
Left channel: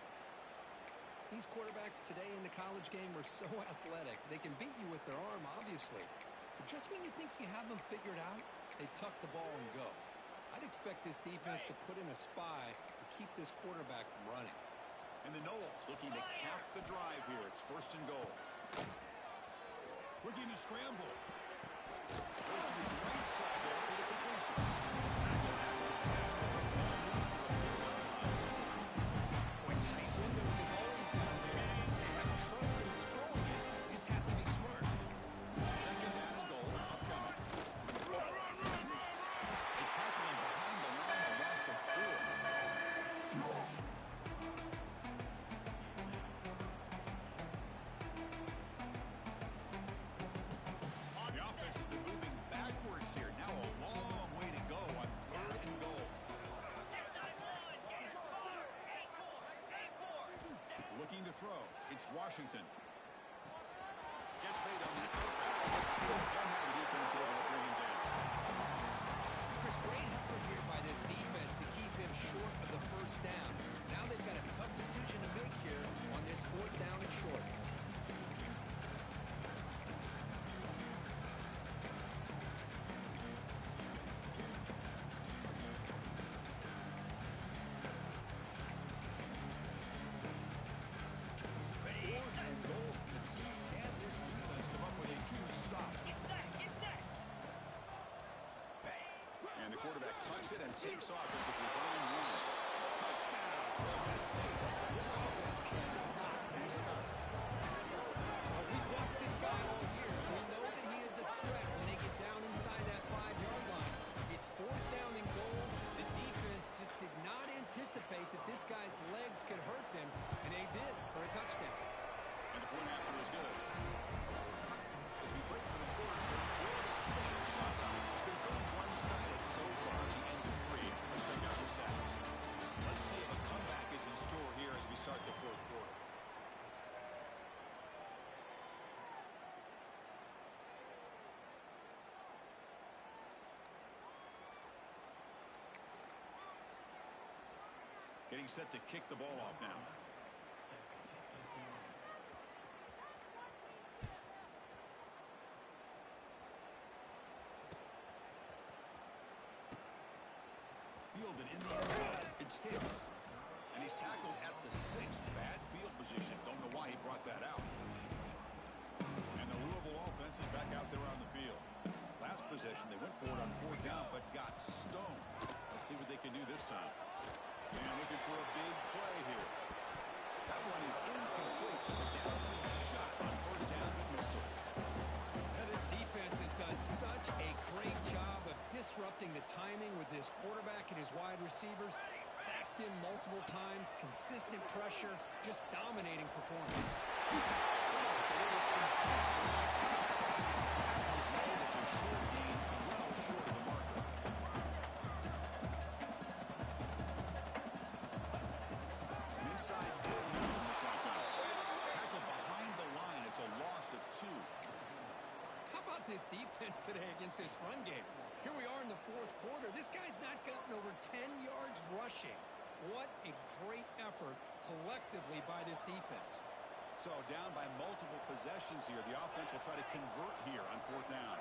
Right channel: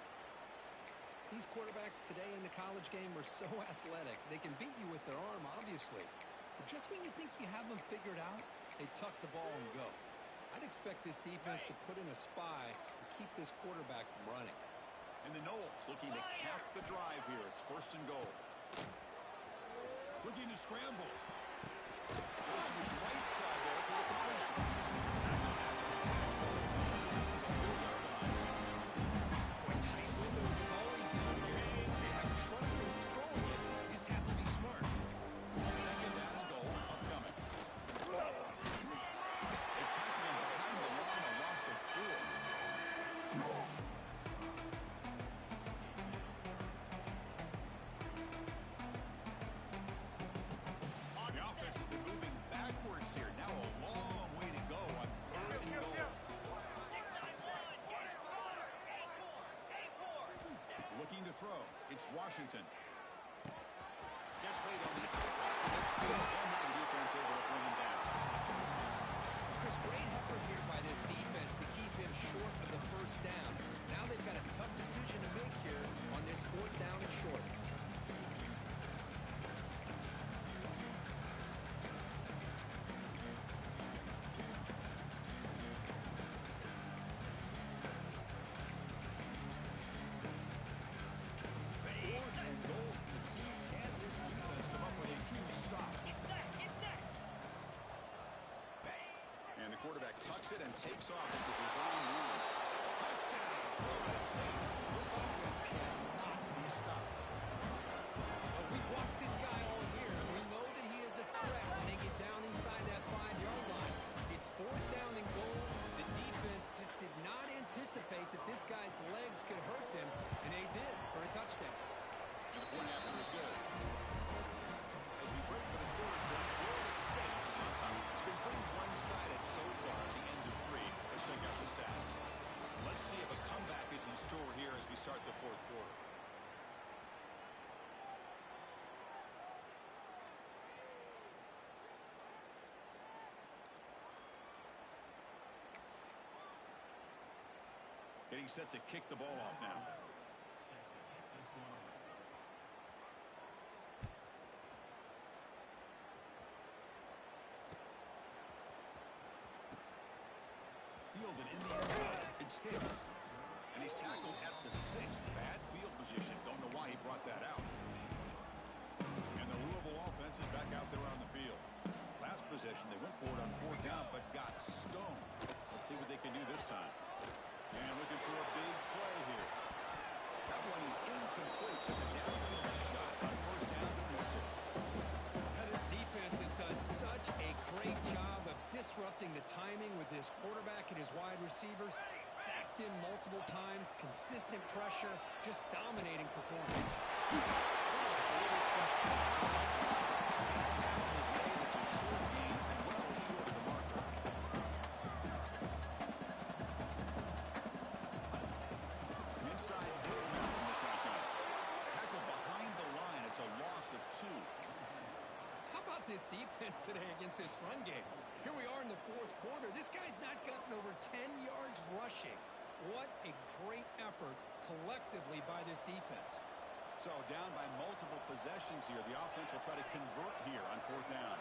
These quarterbacks today in the college game are so athletic. They can beat you with their arm, obviously. But just when you think you have them figured out, they tuck the ball and go. I'd expect this defense to put in a spy to keep this quarterback from running. And the Noles looking to cap the drive here. It's 1st and goal. Looking to scramble. Goes to his right side there for the completion. Tackle after the catch, but the ball moves to the 4-yard line. Boy, tight windows is always down here. They have trust in throwing it. You just have to be smart. 2nd down and goal, upcoming. They tackle him behind the line, a loss of 4. The offense has been moving backwards here. Now a long way to go on 3rd and goal. 691. Get it. Score. Acorn. Looking to throw. It's Washington. Catch made on the out route. And now the defense able to bring him down. Chris, great effort here by this defense to keep him short of the first down. Now they've got a tough decision to make here on this 4th down and short. Tucks it and takes off as a design run. Touchdown, Florida State. This offense cannot be stopped. Well, we've watched this guy all year, and we know that he is a threat when they get down inside that 5-yard line. It's 4th down and goal. The defense just did not anticipate that this guy's legs could hurt him, and they did for a touchdown. And the point after is good. As we break for the quarter, Florida State is on top. It's been pretty one-sided so far at the end of 3. Let's check out the stats. Let's see if a comeback is in store here as we start the 4th quarter. Getting set to kick the ball off now. Fielded in the end zone. It's Hicks. And he's tackled at the 6th. Bad field position. Don't know why he brought that out. Louisville offense is back out there on the field. Last possession, they went for it on fourth down, but got stoned. Let's see what they can do this time. And looking for a big play here. That one is incomplete. Took a downfield shot on first down, but missed it. Now, this defense has done such a great job of disrupting the timing with his quarterback and his wide receivers. Sacked him multiple times, consistent pressure, just dominating performance. But it was complete to the right side. Tackle is made. It's a short gain, well short of the marker. An inside give now from the shotgun. Tackle behind the line. It's a loss of 2. How about this defense today against this run game? Here we are in the fourth quarter. This guy's not gotten over 10 yards rushing. What a great effort collectively by this defense. So down by multiple possessions here. The offense will try to convert here on fourth down.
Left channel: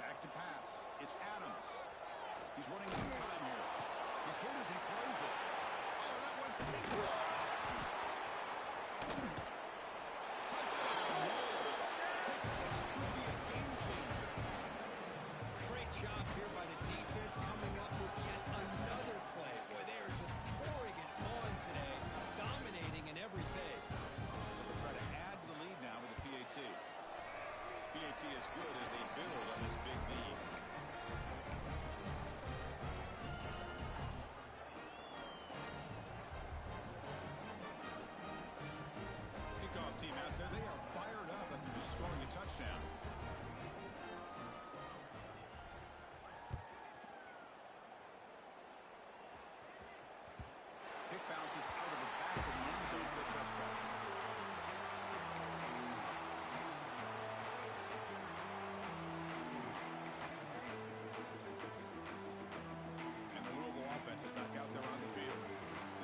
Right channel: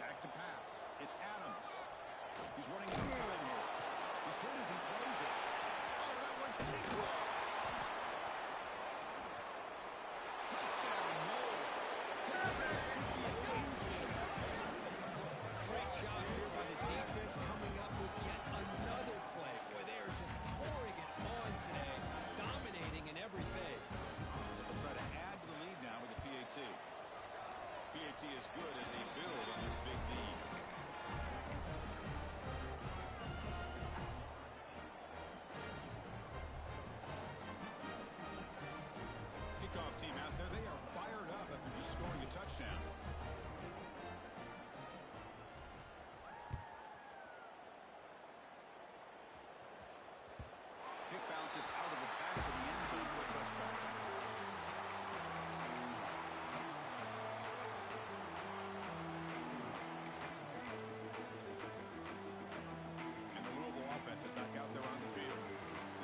Back to pass. It's Adams. He's running out of time here. He's hit as he throws it. Oh, that one's pretty close. Touchdown, Wolves. Pick 6 could be a game changer. Great job here by the defense coming up with yet another play. Boy, they are just pouring it on today, dominating in every phase. They'll try to add to the lead now with the PAT. PAT is good as they build on this big lead. Kickoff team out there, they are fired up after just scoring a touchdown. Kick bounces out of the back of the end zone for a touchback. And the Louisville offense is back out there on the field.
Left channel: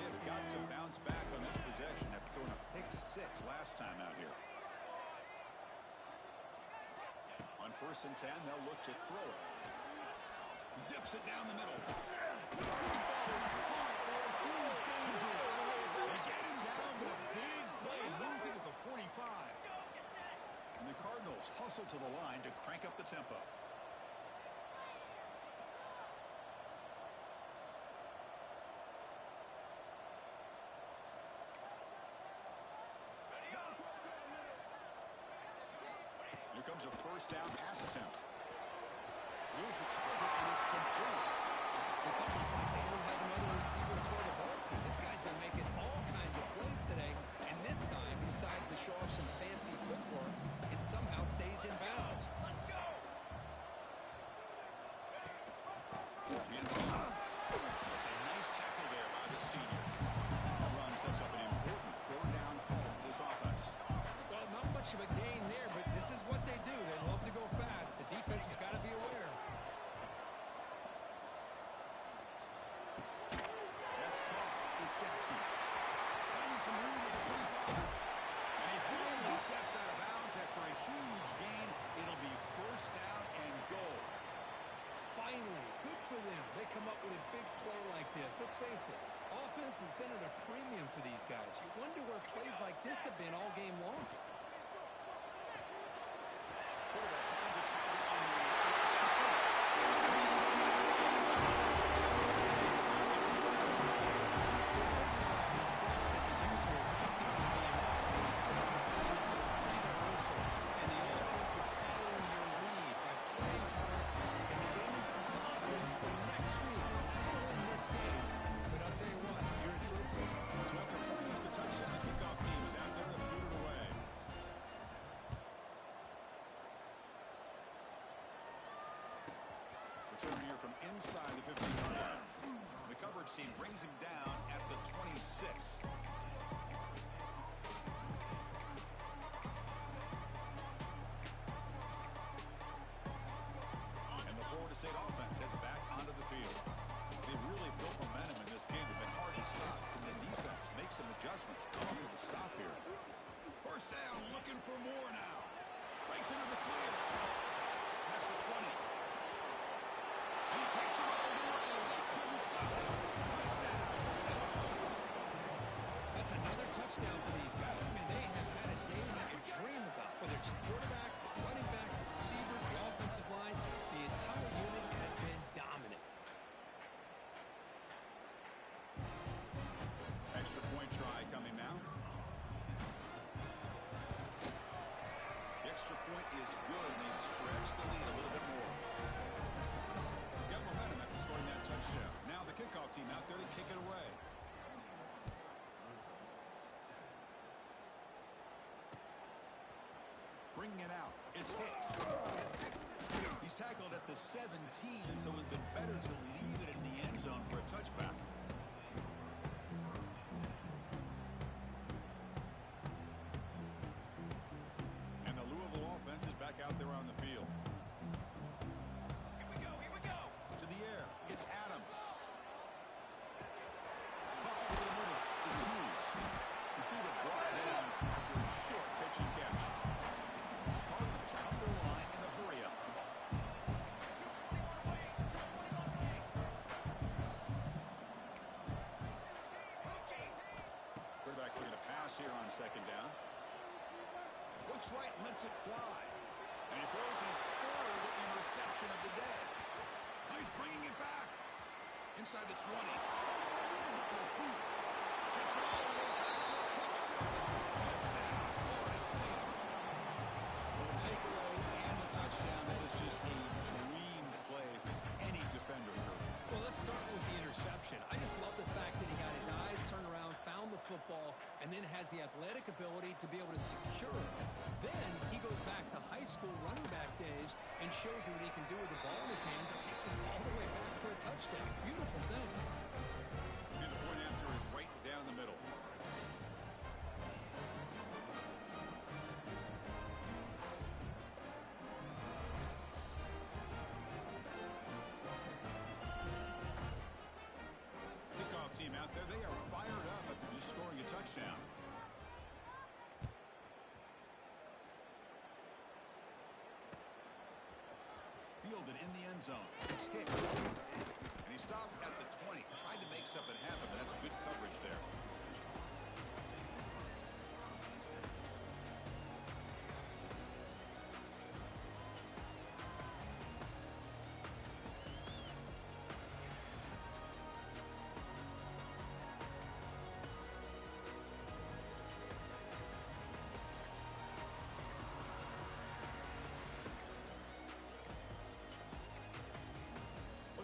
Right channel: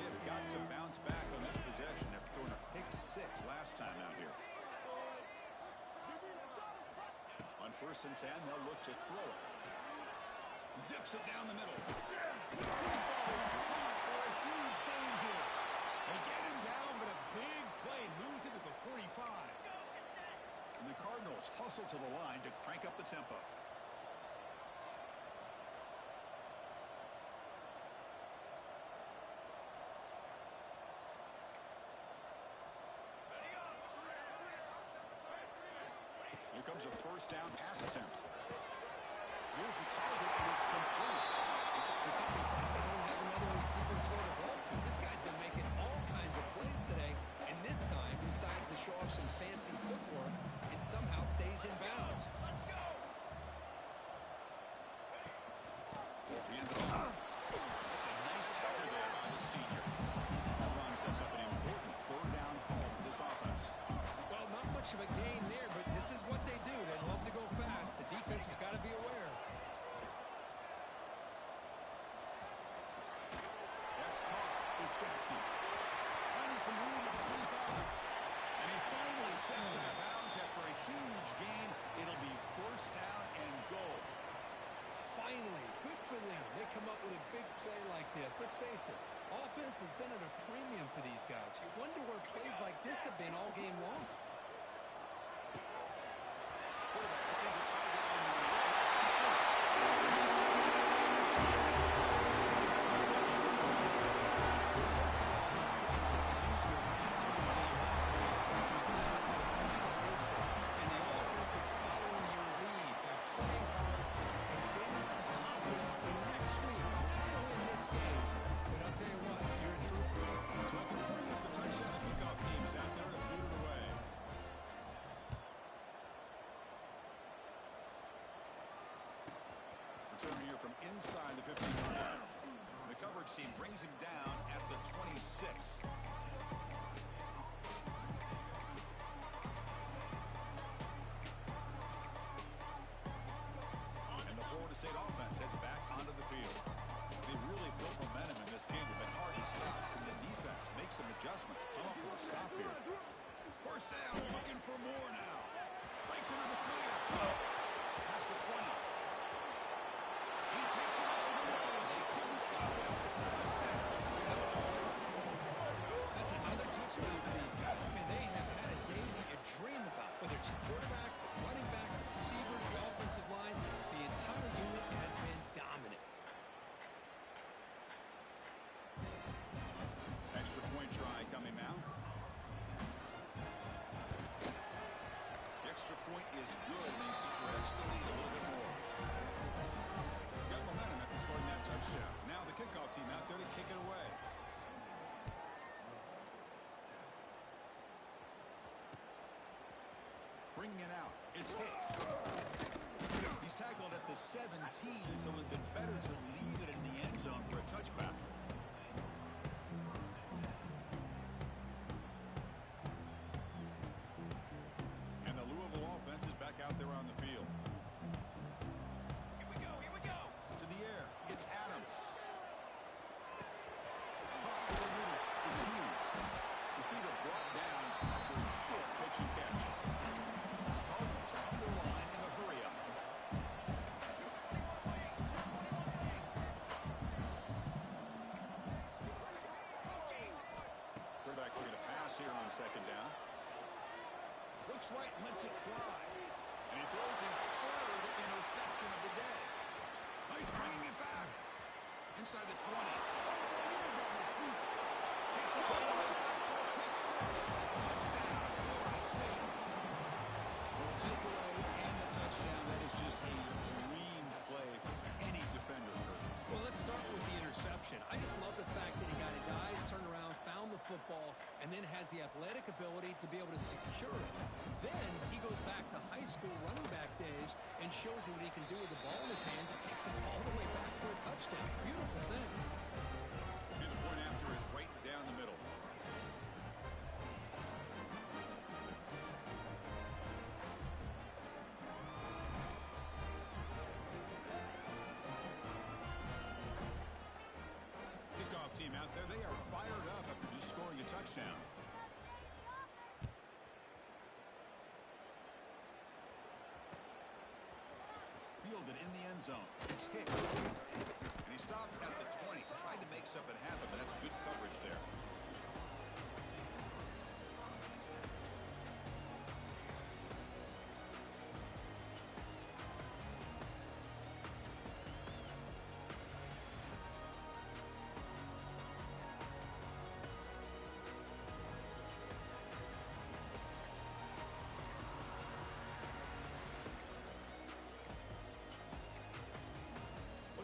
They have got to bounce back on this possession after throwing a pick 6 last time out here. On 1st and 10, they'll look to throw it. Zips it down the middle. The ball is caught for a huge gain here. They get him down, but a big play moves it to the 45. And the Cardinals hustle to the line to crank up the tempo. Here comes a first down pass attempt. Here's the target, and it's complete. It's almost like they don't have another receiver to throw the ball to. This guy's been making all kinds of plays today, and this time decides to show off some fancy footwork and somehow stays in bounds. Let's go. That's a nice tackle there by the senior. That run sets up an important third down call for this offense. Well, not much of a gain there, but this is what they do. They love to go fast. The defense has got to be aware. That's caught. It's Jackson. Finding some room at the 25. And he finally steps out of bounds after a huge gain. It'll be first down and goal. Finally, good for them. They come up with a big play like this. Let's face it, offense has been at a premium for these guys. You wonder where plays like this have been all game long. Quarterback finds a target on the right. It's complete. And he's taken it to the end zone. First of all, I'm impressed that the user is not turning the game off when he's set the play to the final whistle. And the offense is following your lead by playing hard and gaining some confidence for next week. You're not going to win this game, but I'll tell you what, you're a trooper. So after putting up the touchdown, the kickoff team is out there to boot it away. Return here from inside the 15-yard line. The coverage team brings him down at the 26. And the Florida State offense heads back onto the field. They really built momentum in this game. They've been hard to stop. And the defense makes some adjustments. Come up with a stop here. First down, looking for more now. Breaks into the clear. Past the 20. And he takes it all the way. They couldn't stop him. Touchdown, Seminoles. That's That's another touchdown for these guys. Man, they have had a day that you dream about. Whether it's the quarterback, the running back, the receivers, the offensive line, the entire unit has been dominant. Extra point try coming now. The extra point is good, and they stretch the lead a little bit more. Got momentum after scoring that touchdown. Now the kickoff team out there to kick it away. Bringing it out. It's Hicks. He's tackled at the 17, so it would have been better to leave it in the end zone for a touchback. And the Louisville offense is back out there on the field. Here we go, here we go. To the air. It's Adams. Caught over the middle. It's Hughes. Receiver brought down after a short pitch and catch. Cardinals come to the line in a hurry-up. Quarterback looking to pass here on second down. Looks right, lets it fly. And he throws his third interception of the day. Oh, he's bringing it back. Inside the 20. Takes it all the way back for a pick six. Touchdown, Florida State. Well, the takeaway and the touchdown, that is just a dream play for any defender, Kurt. Well, let's start with the interception. I just love the fact that he got his eyes turned around, found the football, and then has the athletic ability to be able to secure it. Then he goes back to high school running back days and shows you what he can do with the ball in his hands. It takes him all the way back for a touchdown. Beautiful thing. And the point after is right down the middle. Kickoff team out there, they are fired up after just scoring a touchdown. Fielded in the end zone. It's hit. And he stopped at the 20. Tried to make something happen, but that's good coverage there.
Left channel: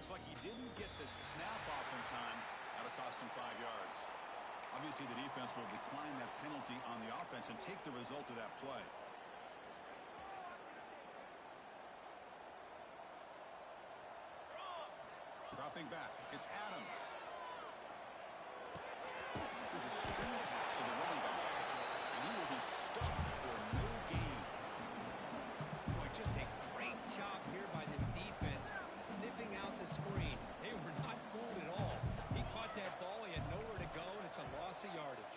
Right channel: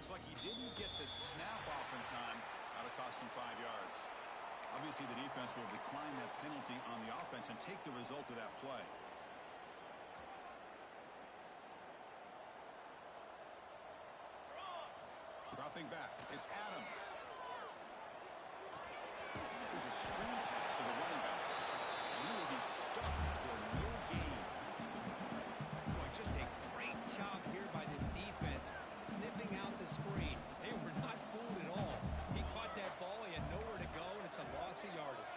Looks like he didn't get the snap off in time. That'll cost him 5 yards. Obviously, the defense will decline that penalty on the offense and take the result of that play. Dropping back. It's Adams. There's a screen pass to the running back. And he will be stuffed for no gain. Boy, just a great job here by this defense, sniffing out the screen. They were not fooled at all. He caught that ball, he had nowhere to go, and it's a loss of yardage.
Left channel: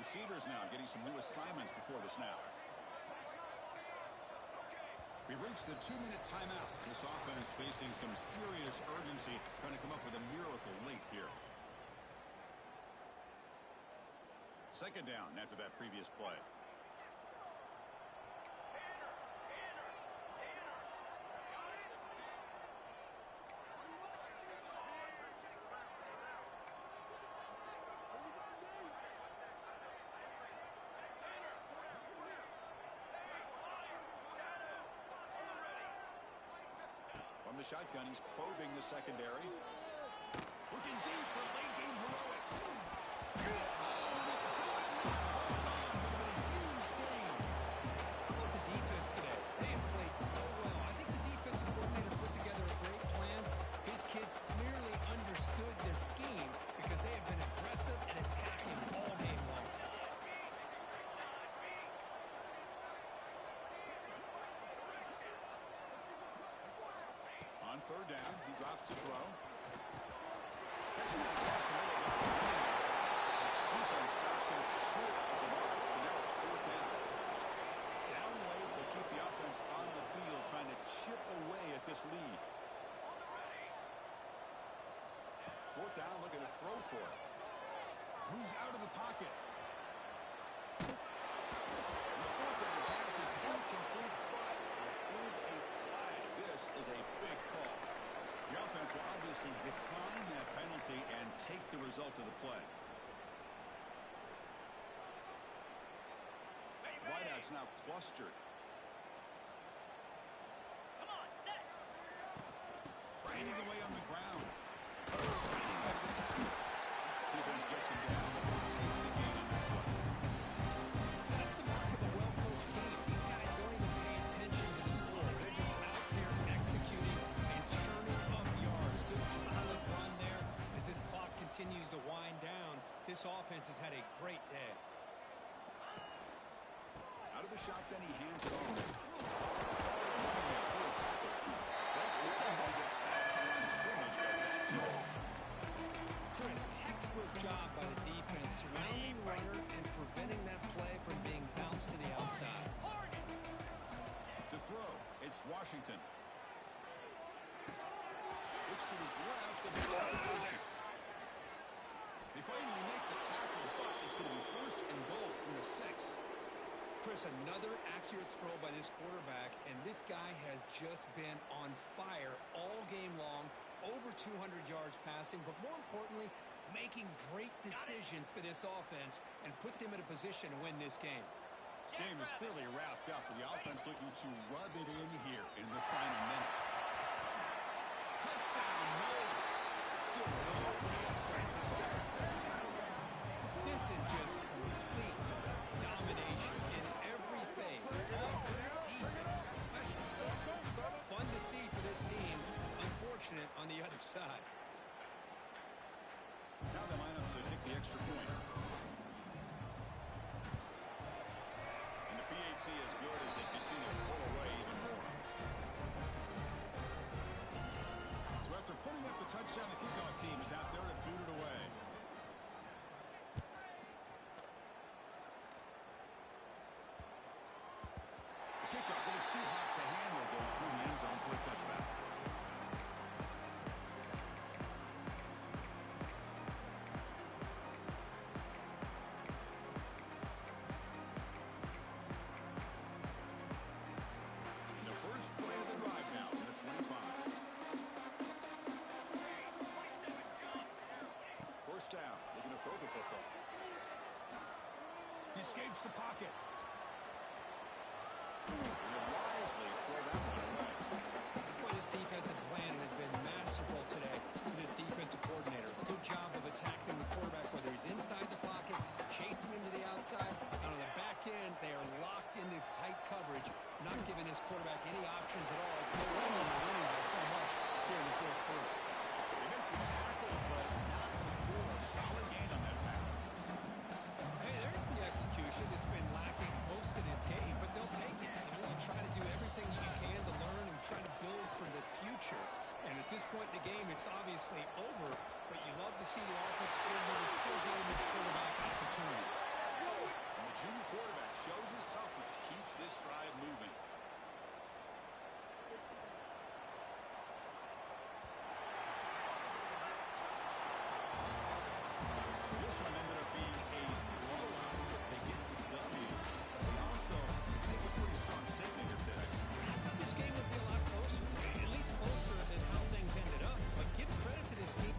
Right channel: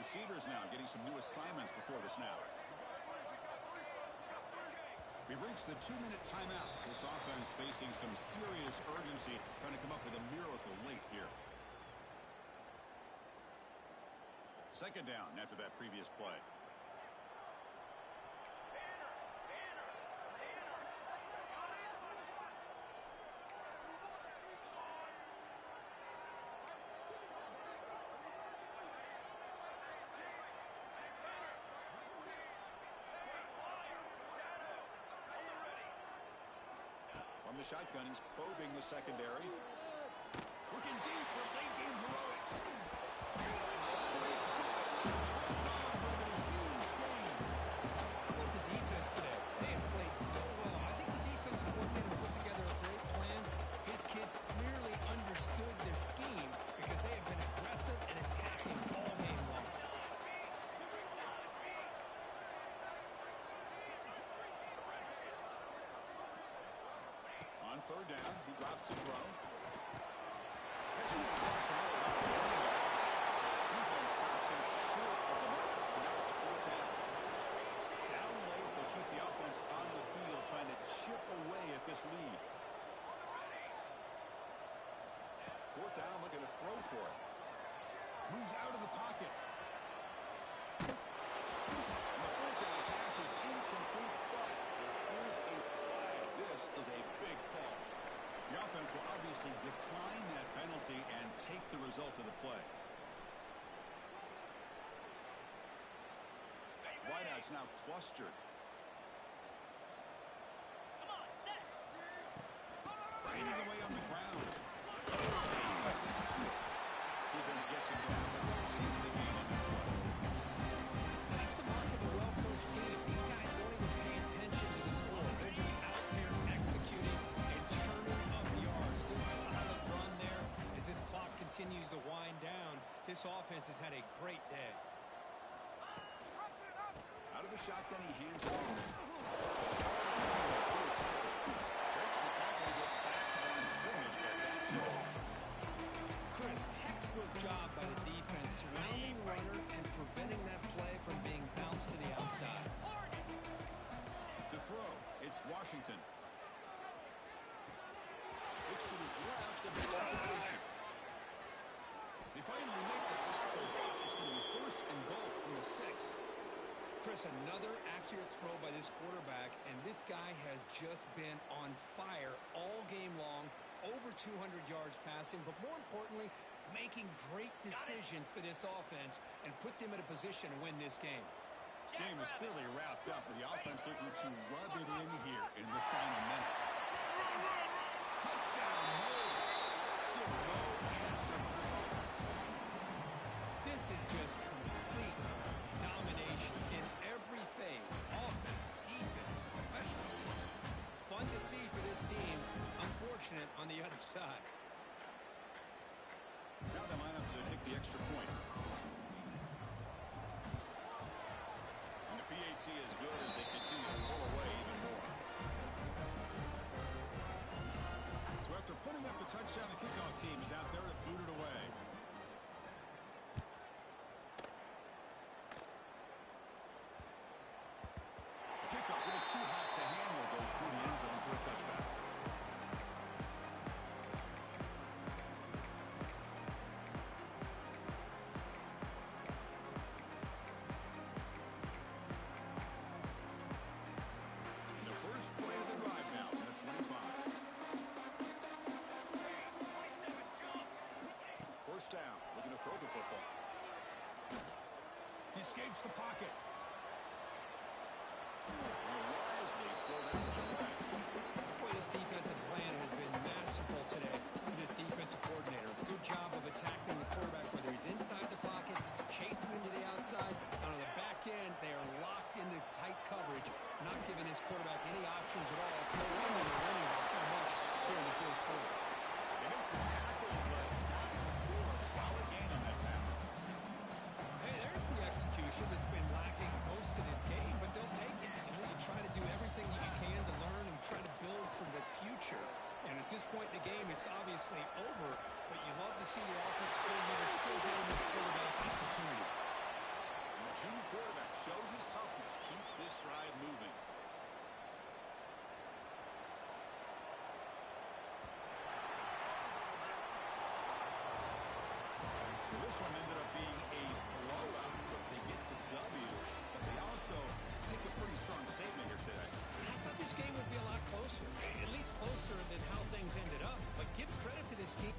Receivers now getting some new assignments before the snap. We've reached the 2-minute timeout. This offense facing some serious urgency, trying to come up with a miracle late here. Second down after that previous play. From the shotgun, he's probing the secondary. Looking deep for late game heroics. How about the defense today? They have played so well. I think the defensive coordinator put together a great plan. His kids clearly understood their scheme because they have been aggressive and attacking all game long. On third down, he drops to throw. Catching it across the middle by the running back. Defense stops him short of the mark, so now it's fourth down. Down late, they'll keep the offense on the field, trying to chip away at this lead. fourth down, looking to throw for it. Moves out of the pocket. And the fourth down pass is incomplete, but there is a flag. This is a big call. The offense will obviously decline that penalty and take the result of the play. Wideouts now clustered. Come on, set. Finding away on the ground. Straight out of the tackle. Defense gets him down, but they'll take the gain on that play. That's the mark of a well-coached team. These guys don't even pay attention to the score. They're just out there executing and churning up yards. Good solid run there. As this clock continues to wind down, this offense has had a great day. Out of the shotgun, he hands it off. It's a hard line for a tackle. Breaks the tackle to get back to the line of scrimmage, but that's all. Chris, textbook job by the defense, surrounding the runner and preventing that play from being bounced to the outside. To throw, it's Washington. Looks to his left and makes the completion. They finally make the tackle, but it's going to be first and goal from the 6. Chris, another accurate throw by this quarterback, and this guy has just been on fire all game long, over 200 yards passing, but more importantly, making great decisions for this offense and put them in a position to win this game. Game is clearly wrapped up, with the offense looking to rub it in here in the final minute. Touchdown, Knowles. Still no answer for this offense. This is just complete domination in every phase. Offense, defense, special teams. Fun to see for this team. Unfortunate on the other side. Now they line up to kick the extra point. And the PAT is good as they continue to pull away even more. So after putting up a touchdown, the kickoff team is out there to boot it away. The kickoff, a little too hot to handle, goes through the end zone for a touchback. And the first play of the drive now to the 25. First down, looking to throw the football. He escapes the pocket. He'll wisely throw that one away. Boy, this defensive plan has been masterful today for this defensive coordinator. Good job of attacking the quarterback, whether he's inside the pocket, chasing him to the outside. And on the back end, they are locked into tight coverage, not giving his quarterback any options at all. It's no wonder they're winning by so much here in the fourth quarter. They make the tackle, but not before a solid gain on that pass. Hey, there's the execution that's been lacking most of this game, but they'll take it. You try to do everything you can to learn and try to build for the future. And at this point in the game, it's obviously over, but you love to see the offensive coordinator still giving this quarterback opportunities. And the junior quarterback shows his toughness, keeps this drive moving. This one ended up being a blowout, but they get the W. But they also make a pretty strong statement here today. I thought this game would be a lot closer, at least closer than how things ended up. But give credit to this team.